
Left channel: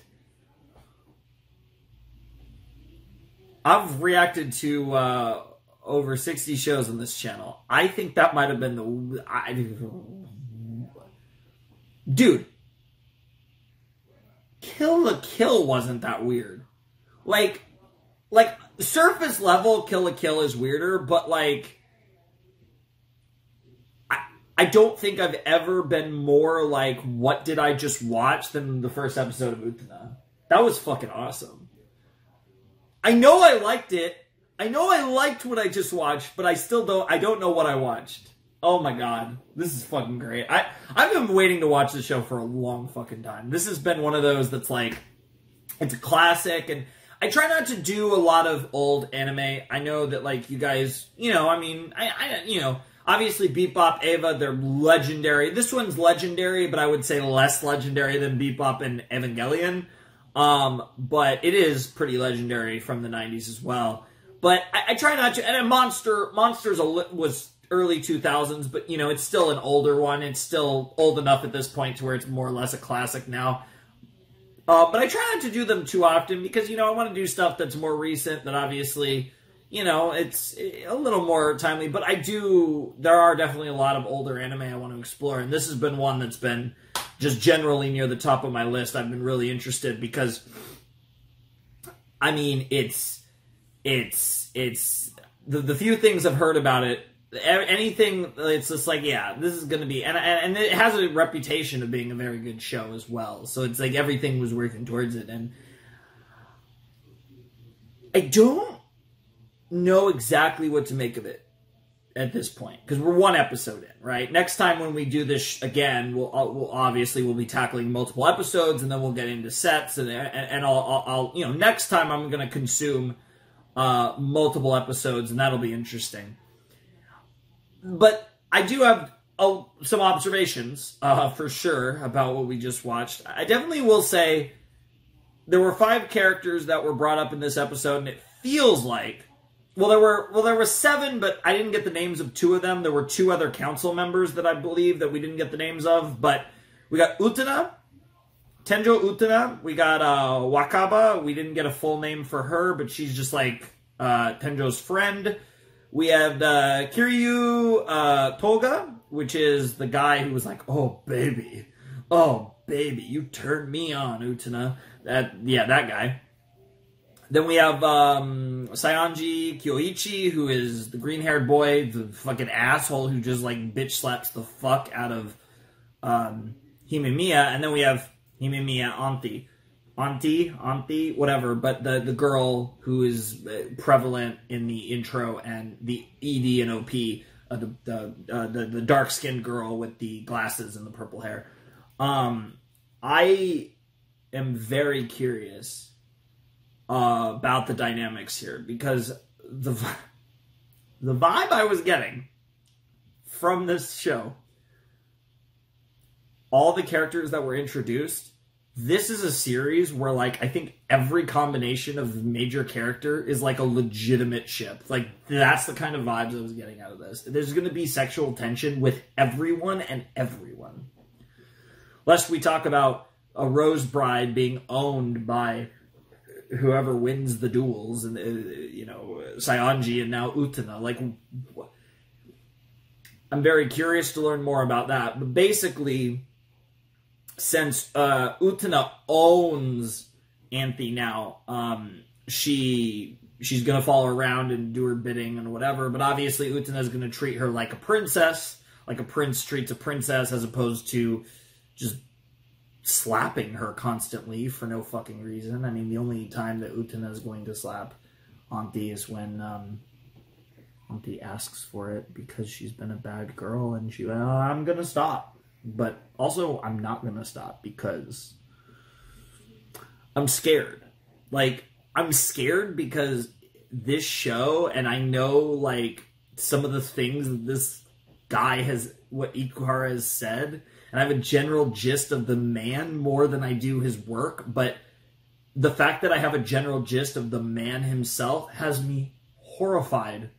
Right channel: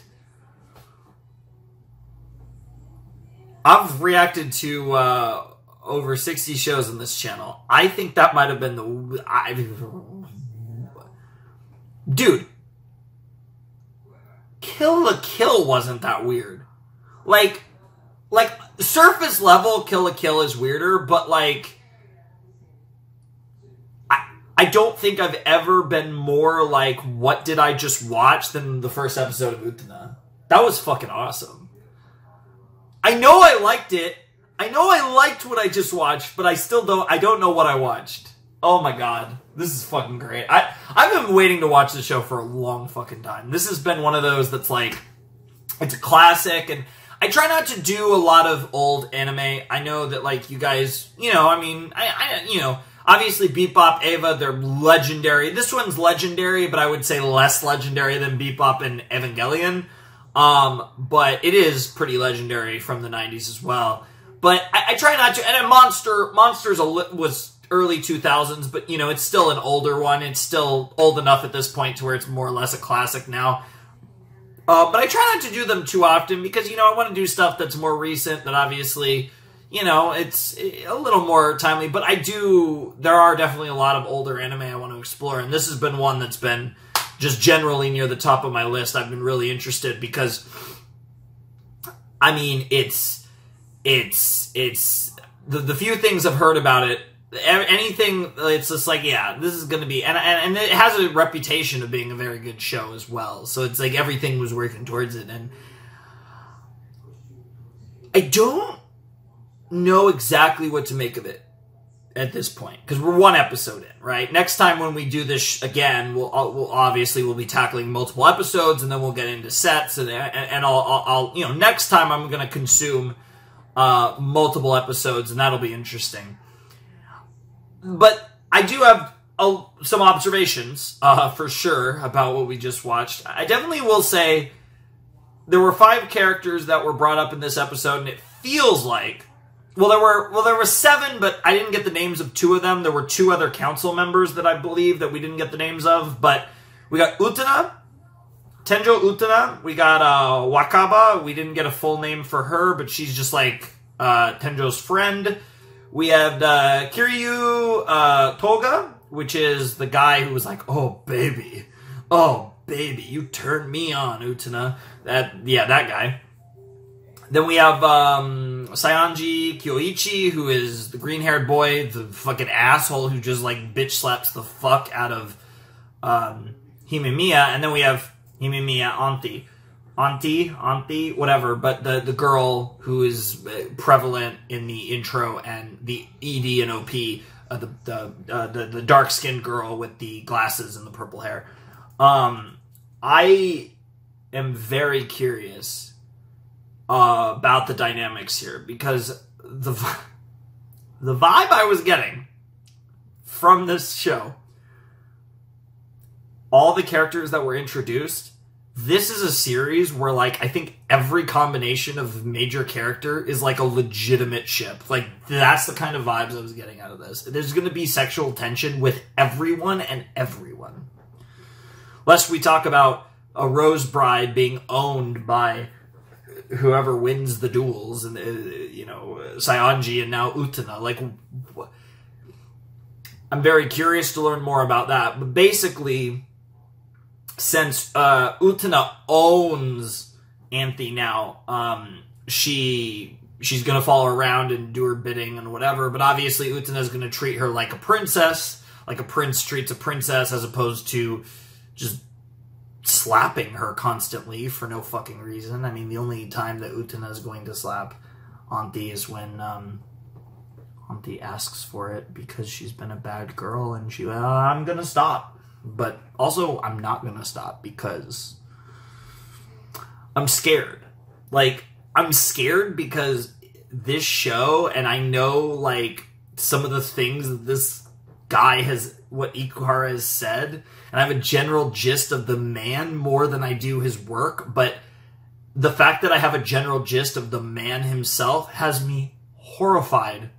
I've reacted to over 60 shows on this channel. I think that might have been dude, Kill la Kill wasn't that weird. Like surface level Kill la Kill is weirder, but like I don't think I've ever been more like, what did I just watch, than the first episode of Utena. That was fucking awesome. I know I liked it. I know I liked what I just watched, but I don't know what I watched. Oh my god. This is fucking great. I've been waiting to watch this show for a long fucking time. This has been one of those that's like, it's a classic, and I try not to do a lot of old anime. I know that, like, you guys, you know, I mean, you know, obviously Bebop, Eva, they're legendary. This one's legendary, but I would say less legendary than Bebop and Evangelion. But it is pretty legendary from the 90s as well. But I try not to, and Monsters was early 2000s, but, you know, it's still an older one. It's still old enough at this point to where it's more or less a classic now. But I try not to do them too often because, you know, I want to do stuff that's more recent, that obviously, you know, it's a little more timely. But there are definitely a lot of older anime I want to explore, and this has been one that's been just generally near the top of my list. I've been really interested because, I mean, it's the few things I've heard about it, anything, it's just like, yeah, this is going to be, and it has a reputation of being a very good show as well. So it's like everything was working towards it, and I don't know exactly what to make of it at this point, because we're one episode in, right? Next time when we do this again, we'll be tackling multiple episodes, and then we'll get into sets, and I'll you know, next time I'm going to consume multiple episodes, and that'll be interesting. But I do have some observations, for sure, about what we just watched. I definitely will say there were 5 characters that were brought up in this episode, and it feels like, there were 7, but I didn't get the names of 2 of them. There were 2 other council members that I believe that we didn't get the names of, but we got Utena, Tenjo Utena. We got Wakaba. We didn't get a full name for her, but she's just like Tenjo's friend. We have Kiryu Toga, which is the guy who was like, oh baby, you turned me on, Utena. That guy. Then we have Saionji Kyoichi, who is the green-haired boy, the fucking asshole who just like bitch slaps the fuck out of Himemiya. And then we have Himemiya Auntie, whatever, but the girl who is prevalent in the intro and the ED and OP, the dark-skinned girl with the glasses and the purple hair. I am very curious about the dynamics here, because the vibe I was getting from this show, all the characters that were introduced, this is a series where, like, I think every combination of major character is, like, a legitimate ship. Like, that's the kind of vibes I was getting out of this. There's going to be sexual tension with everyone and everyone. Lest we talk about a Rose Bride being owned by whoever wins the duels, and, you know, Saionji and now Utena. Like, I'm very curious to learn more about that. But basically, since Utena owns Anthe now, she's going to follow her around and do her bidding and whatever, but obviously Utena's going to treat her like a princess, like a prince treats a princess, as opposed to just slapping her constantly for no fucking reason. I mean, the only time that Utena is going to slap Auntie is when Auntie asks for it because she's been a bad girl, and I'm gonna stop. But also, I'm not gonna stop because I'm scared. Like, I'm scared because this show, and I know, like, some of the things that this guy what Ikuhara has said, and I have a general gist of the man more than I do his work, but the fact that I have a general gist of the man himself has me horrified.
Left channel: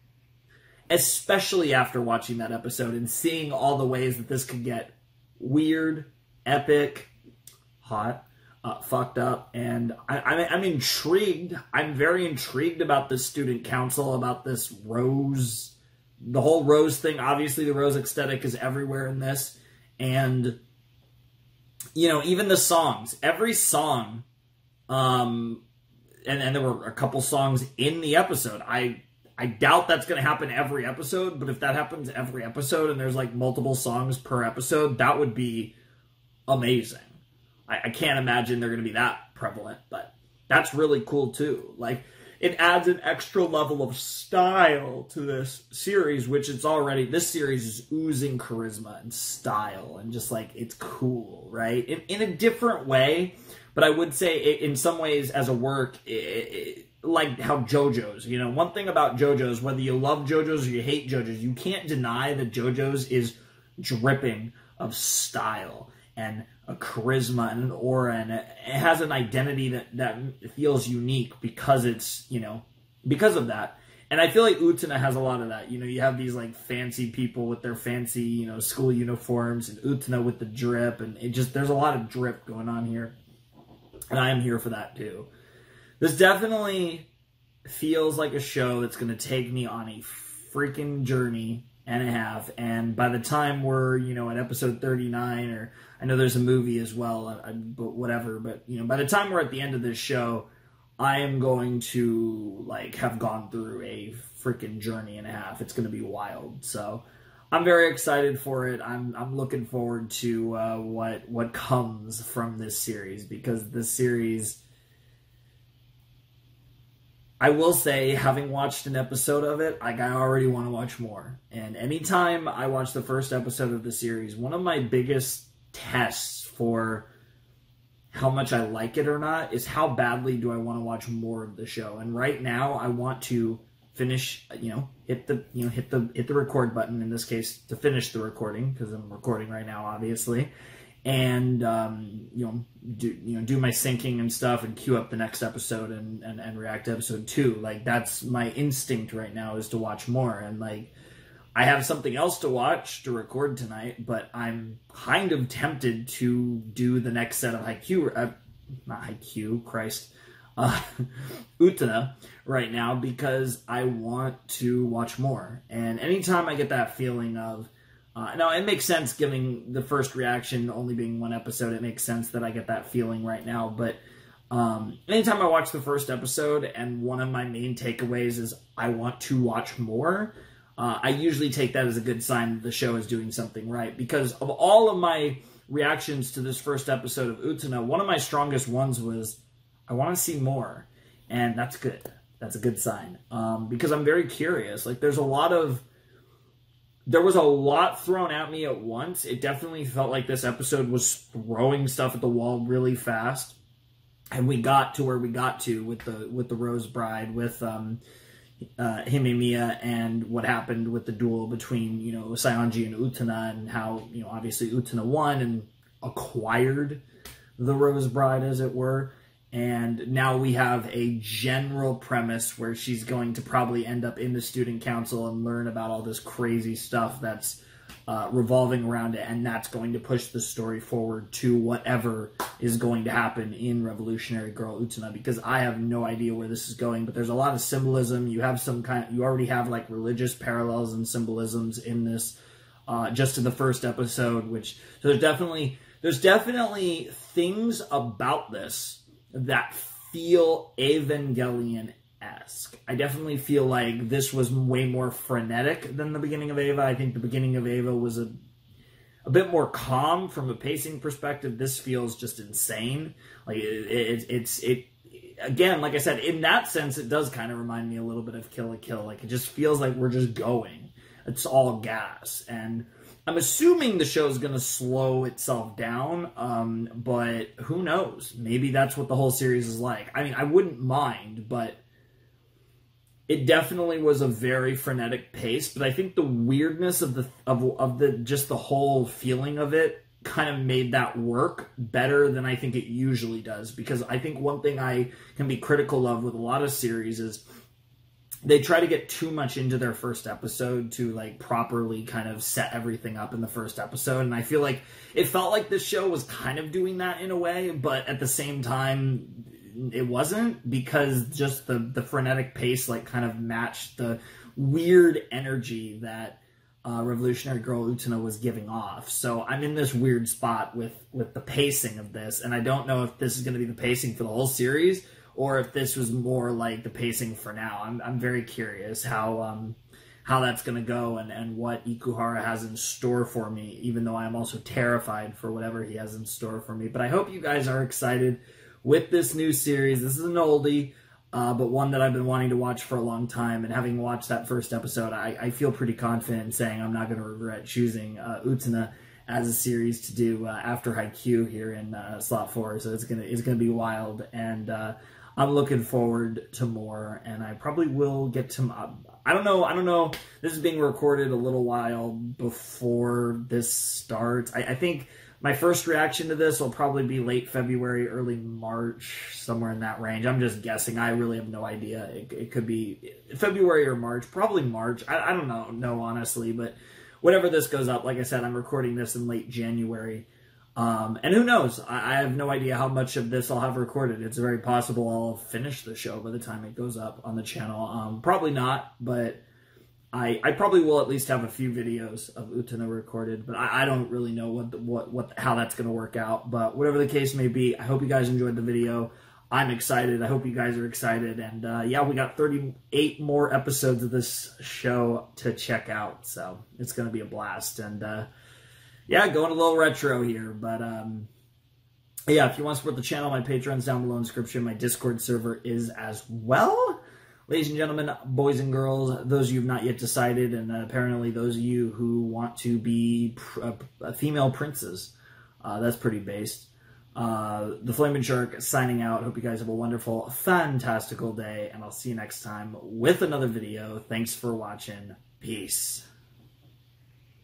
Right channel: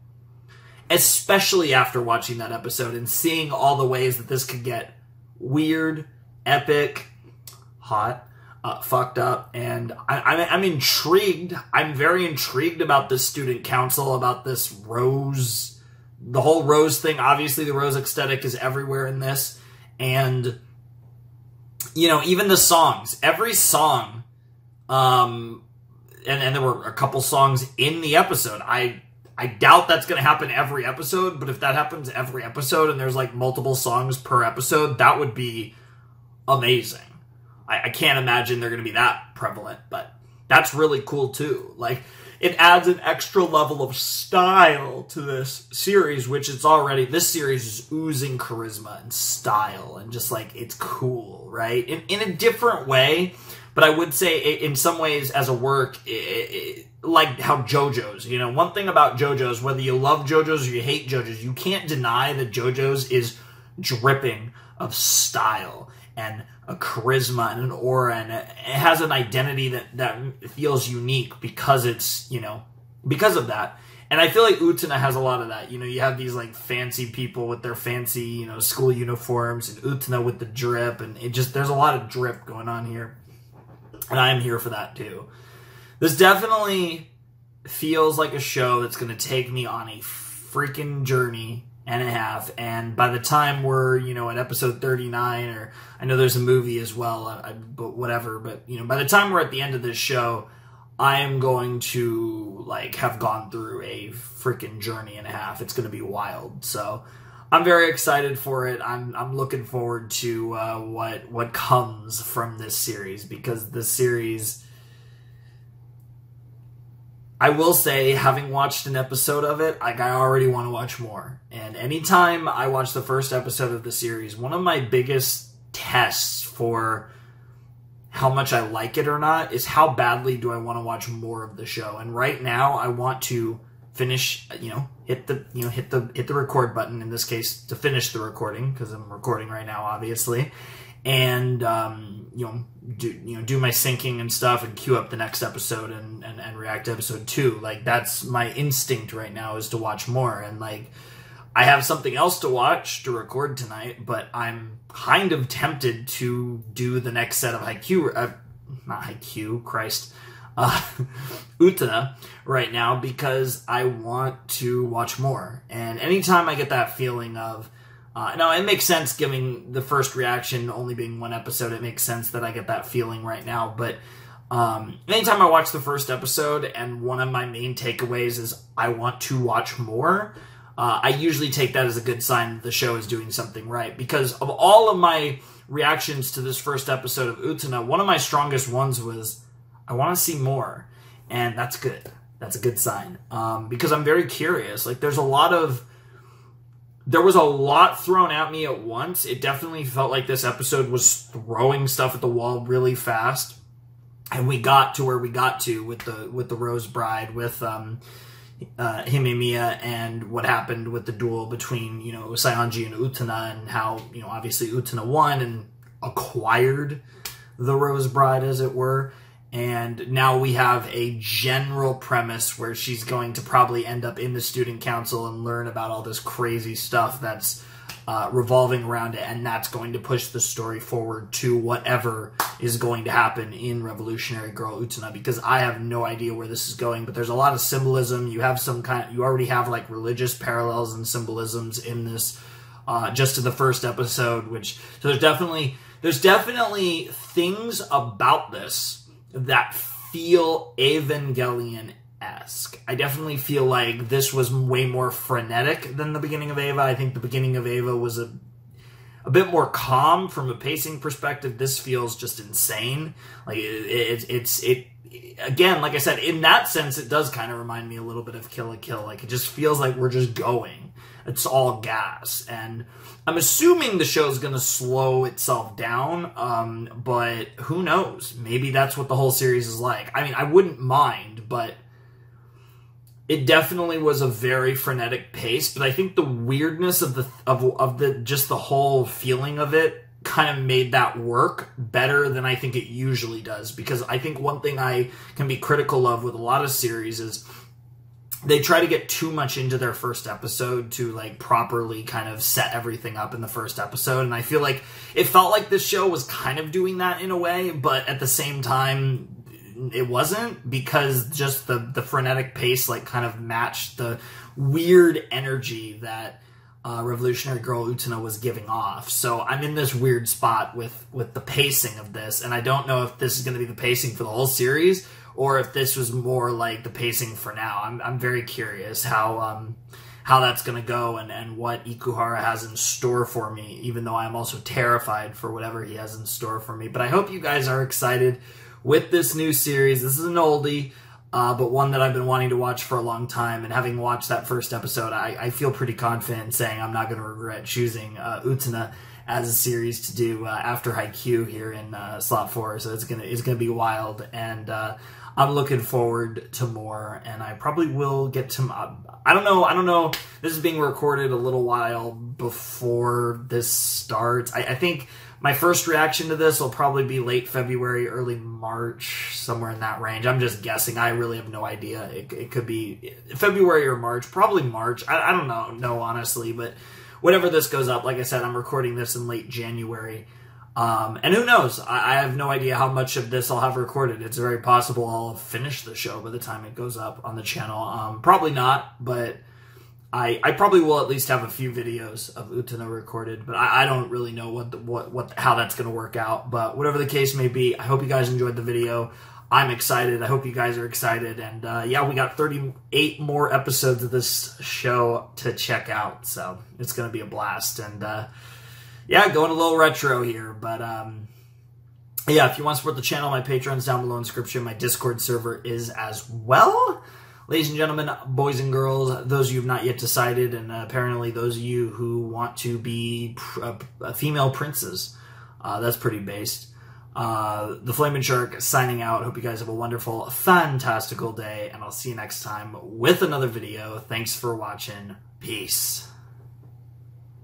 Especially after watching that episode and seeing all the ways that this could get weird, epic, hot, fucked up, and I'm intrigued. I'm very intrigued about this student council, about this Rose, the whole Rose thing. Obviously, the Rose aesthetic is everywhere in this, and even the songs, every song, and there were a couple songs in the episode. I doubt that's going to happen every episode, but if that happens every episode and there's like multiple songs per episode, that would be amazing. I can't imagine they're going to be that prevalent, but that's really cool too. Like, it adds an extra level of style to this series, which this series is oozing charisma and style and just like, it's cool, right? In a different way, but I would say in some ways as a work, like how JoJo's, one thing about JoJo's, whether you love JoJo's or you hate JoJo's, you can't deny that JoJo's is dripping of style and a charisma and an aura, and it has an identity that feels unique because it's, because of that. And I feel like Utena has a lot of that. You have these like fancy people with their fancy, school uniforms, and Utena with the drip, and there's a lot of drip going on here. And I am here for that too. This definitely feels like a show that's going to take me on a freaking journey and a half. And by the time we're, at episode 39, or I know there's a movie as well, but whatever. But, by the time we're at the end of this show, I am going to, like, have gone through a freaking journey and a half. It's going to be wild. So I'm very excited for it. I'm looking forward to what comes from this series, because this series, I will say, having watched an episode of it, I already want to watch more. And anytime I watch the first episode of the series, one of my biggest tests for how much I like it or not is how badly do I want to watch more of the show. And right now, I want to finish, hit the record button, in this case, to finish the recording, because I'm recording right now, obviously. And, do my syncing and stuff and queue up the next episode and react to episode 2. Like, that's my instinct right now, is to watch more. And, like, I have something else to watch to record tonight, but I'm kind of tempted to do the next set of Utena right now, because I want to watch more. And anytime I get that feeling of, now, it makes sense, giving the first reaction only being one episode, it makes sense that I get that feeling right now. But anytime I watch the first episode and one of my main takeaways is I want to watch more, I usually take that as a good sign that the show is doing something right. Because of all of my reactions to this first episode of Utena, one of my strongest ones was, I want to see more. And that's good. That's a good sign. Because I'm very curious. Like, there was a lot thrown at me at once. It definitely felt like this episode was throwing stuff at the wall really fast. And we got to where we got to with the Rose Bride, with Himemiya, and what happened with the duel between, Saionji and Utena, and how, obviously Utena won and acquired the Rose Bride, as it were. And now we have a general premise where she's going to probably end up in the student council and learn about all this crazy stuff that's revolving around it, and that's going to push the story forward to whatever is going to happen in Revolutionary Girl Utena, because I have no idea where this is going. But there's a lot of symbolism. You already have like religious parallels and symbolisms in this, just in the first episode, so there's definitely things about this that feel Evangelion-esque. I definitely feel like this was way more frenetic than the beginning of Eva. I think the beginning of Eva was a bit more calm from a pacing perspective. This feels just insane. Like it again, like I said, in that sense, it does kind of remind me a little bit of Kill la Kill. Like, it just feels like we're just going. It's all gas. And I'm assuming the show's going to slow itself down, but who knows? Maybe that's what the whole series is like. I mean, I wouldn't mind, but it definitely was a very frenetic pace. But I think the weirdness of the just the whole feeling of it kind of made that work better than I think it usually does. Because I think one thing I can be critical of with a lot of series is they try to get too much into their first episode to like properly kind of set everything up in the first episode. And I feel like it felt like this show was kind of doing that in a way, but at the same time it wasn't, because just the frenetic pace like kind of matched the weird energy that Revolutionary Girl Utena was giving off. So I'm in this weird spot with the pacing of this, and I don't know if this is going to be the pacing for the whole series or if this was more like the pacing for now. I'm very curious how that's going to go and what Ikuhara has in store for me, even though I'm also terrified for whatever he has in store for me. But I hope you guys are excited with this new series. This is an oldie, but one that I've been wanting to watch for a long time. And having watched that first episode, I feel pretty confident in saying I'm not going to regret choosing Utena as a series to do after Haikyuu here in slot 4. So it's gonna be wild, and I'm looking forward to more. And I probably will get to. I don't know. This is being recorded a little while before this starts. I think my first reaction to this will probably be late February, early March, somewhere in that range. I'm just guessing. I really have no idea. It could be February or March. Probably March. I don't know honestly, but whenever this goes up, like I said, I'm recording this in late January. And who knows? I have no idea how much of this I'll have recorded. It's very possible I'll finish the show by the time it goes up on the channel. Probably not, but I probably will at least have a few videos of Utena recorded, but I don't really know how that's going to work out. But whatever the case may be, I hope you guys enjoyed the video. I'm excited. I hope you guys are excited. And yeah, we got 38 more episodes of this show to check out, so it's going to be a blast. And yeah, going a little retro here, but yeah, if you want to support the channel, my Patreon's down below in the description. My Discord server is as well. Ladies and gentlemen, boys and girls, those of you who have not yet decided, and apparently those of you who want to be female princes, that's pretty based. The Flaming Shark signing out. Hope you guys have a wonderful, fantastical day, and I'll see you next time with another video. Thanks for watching. Peace.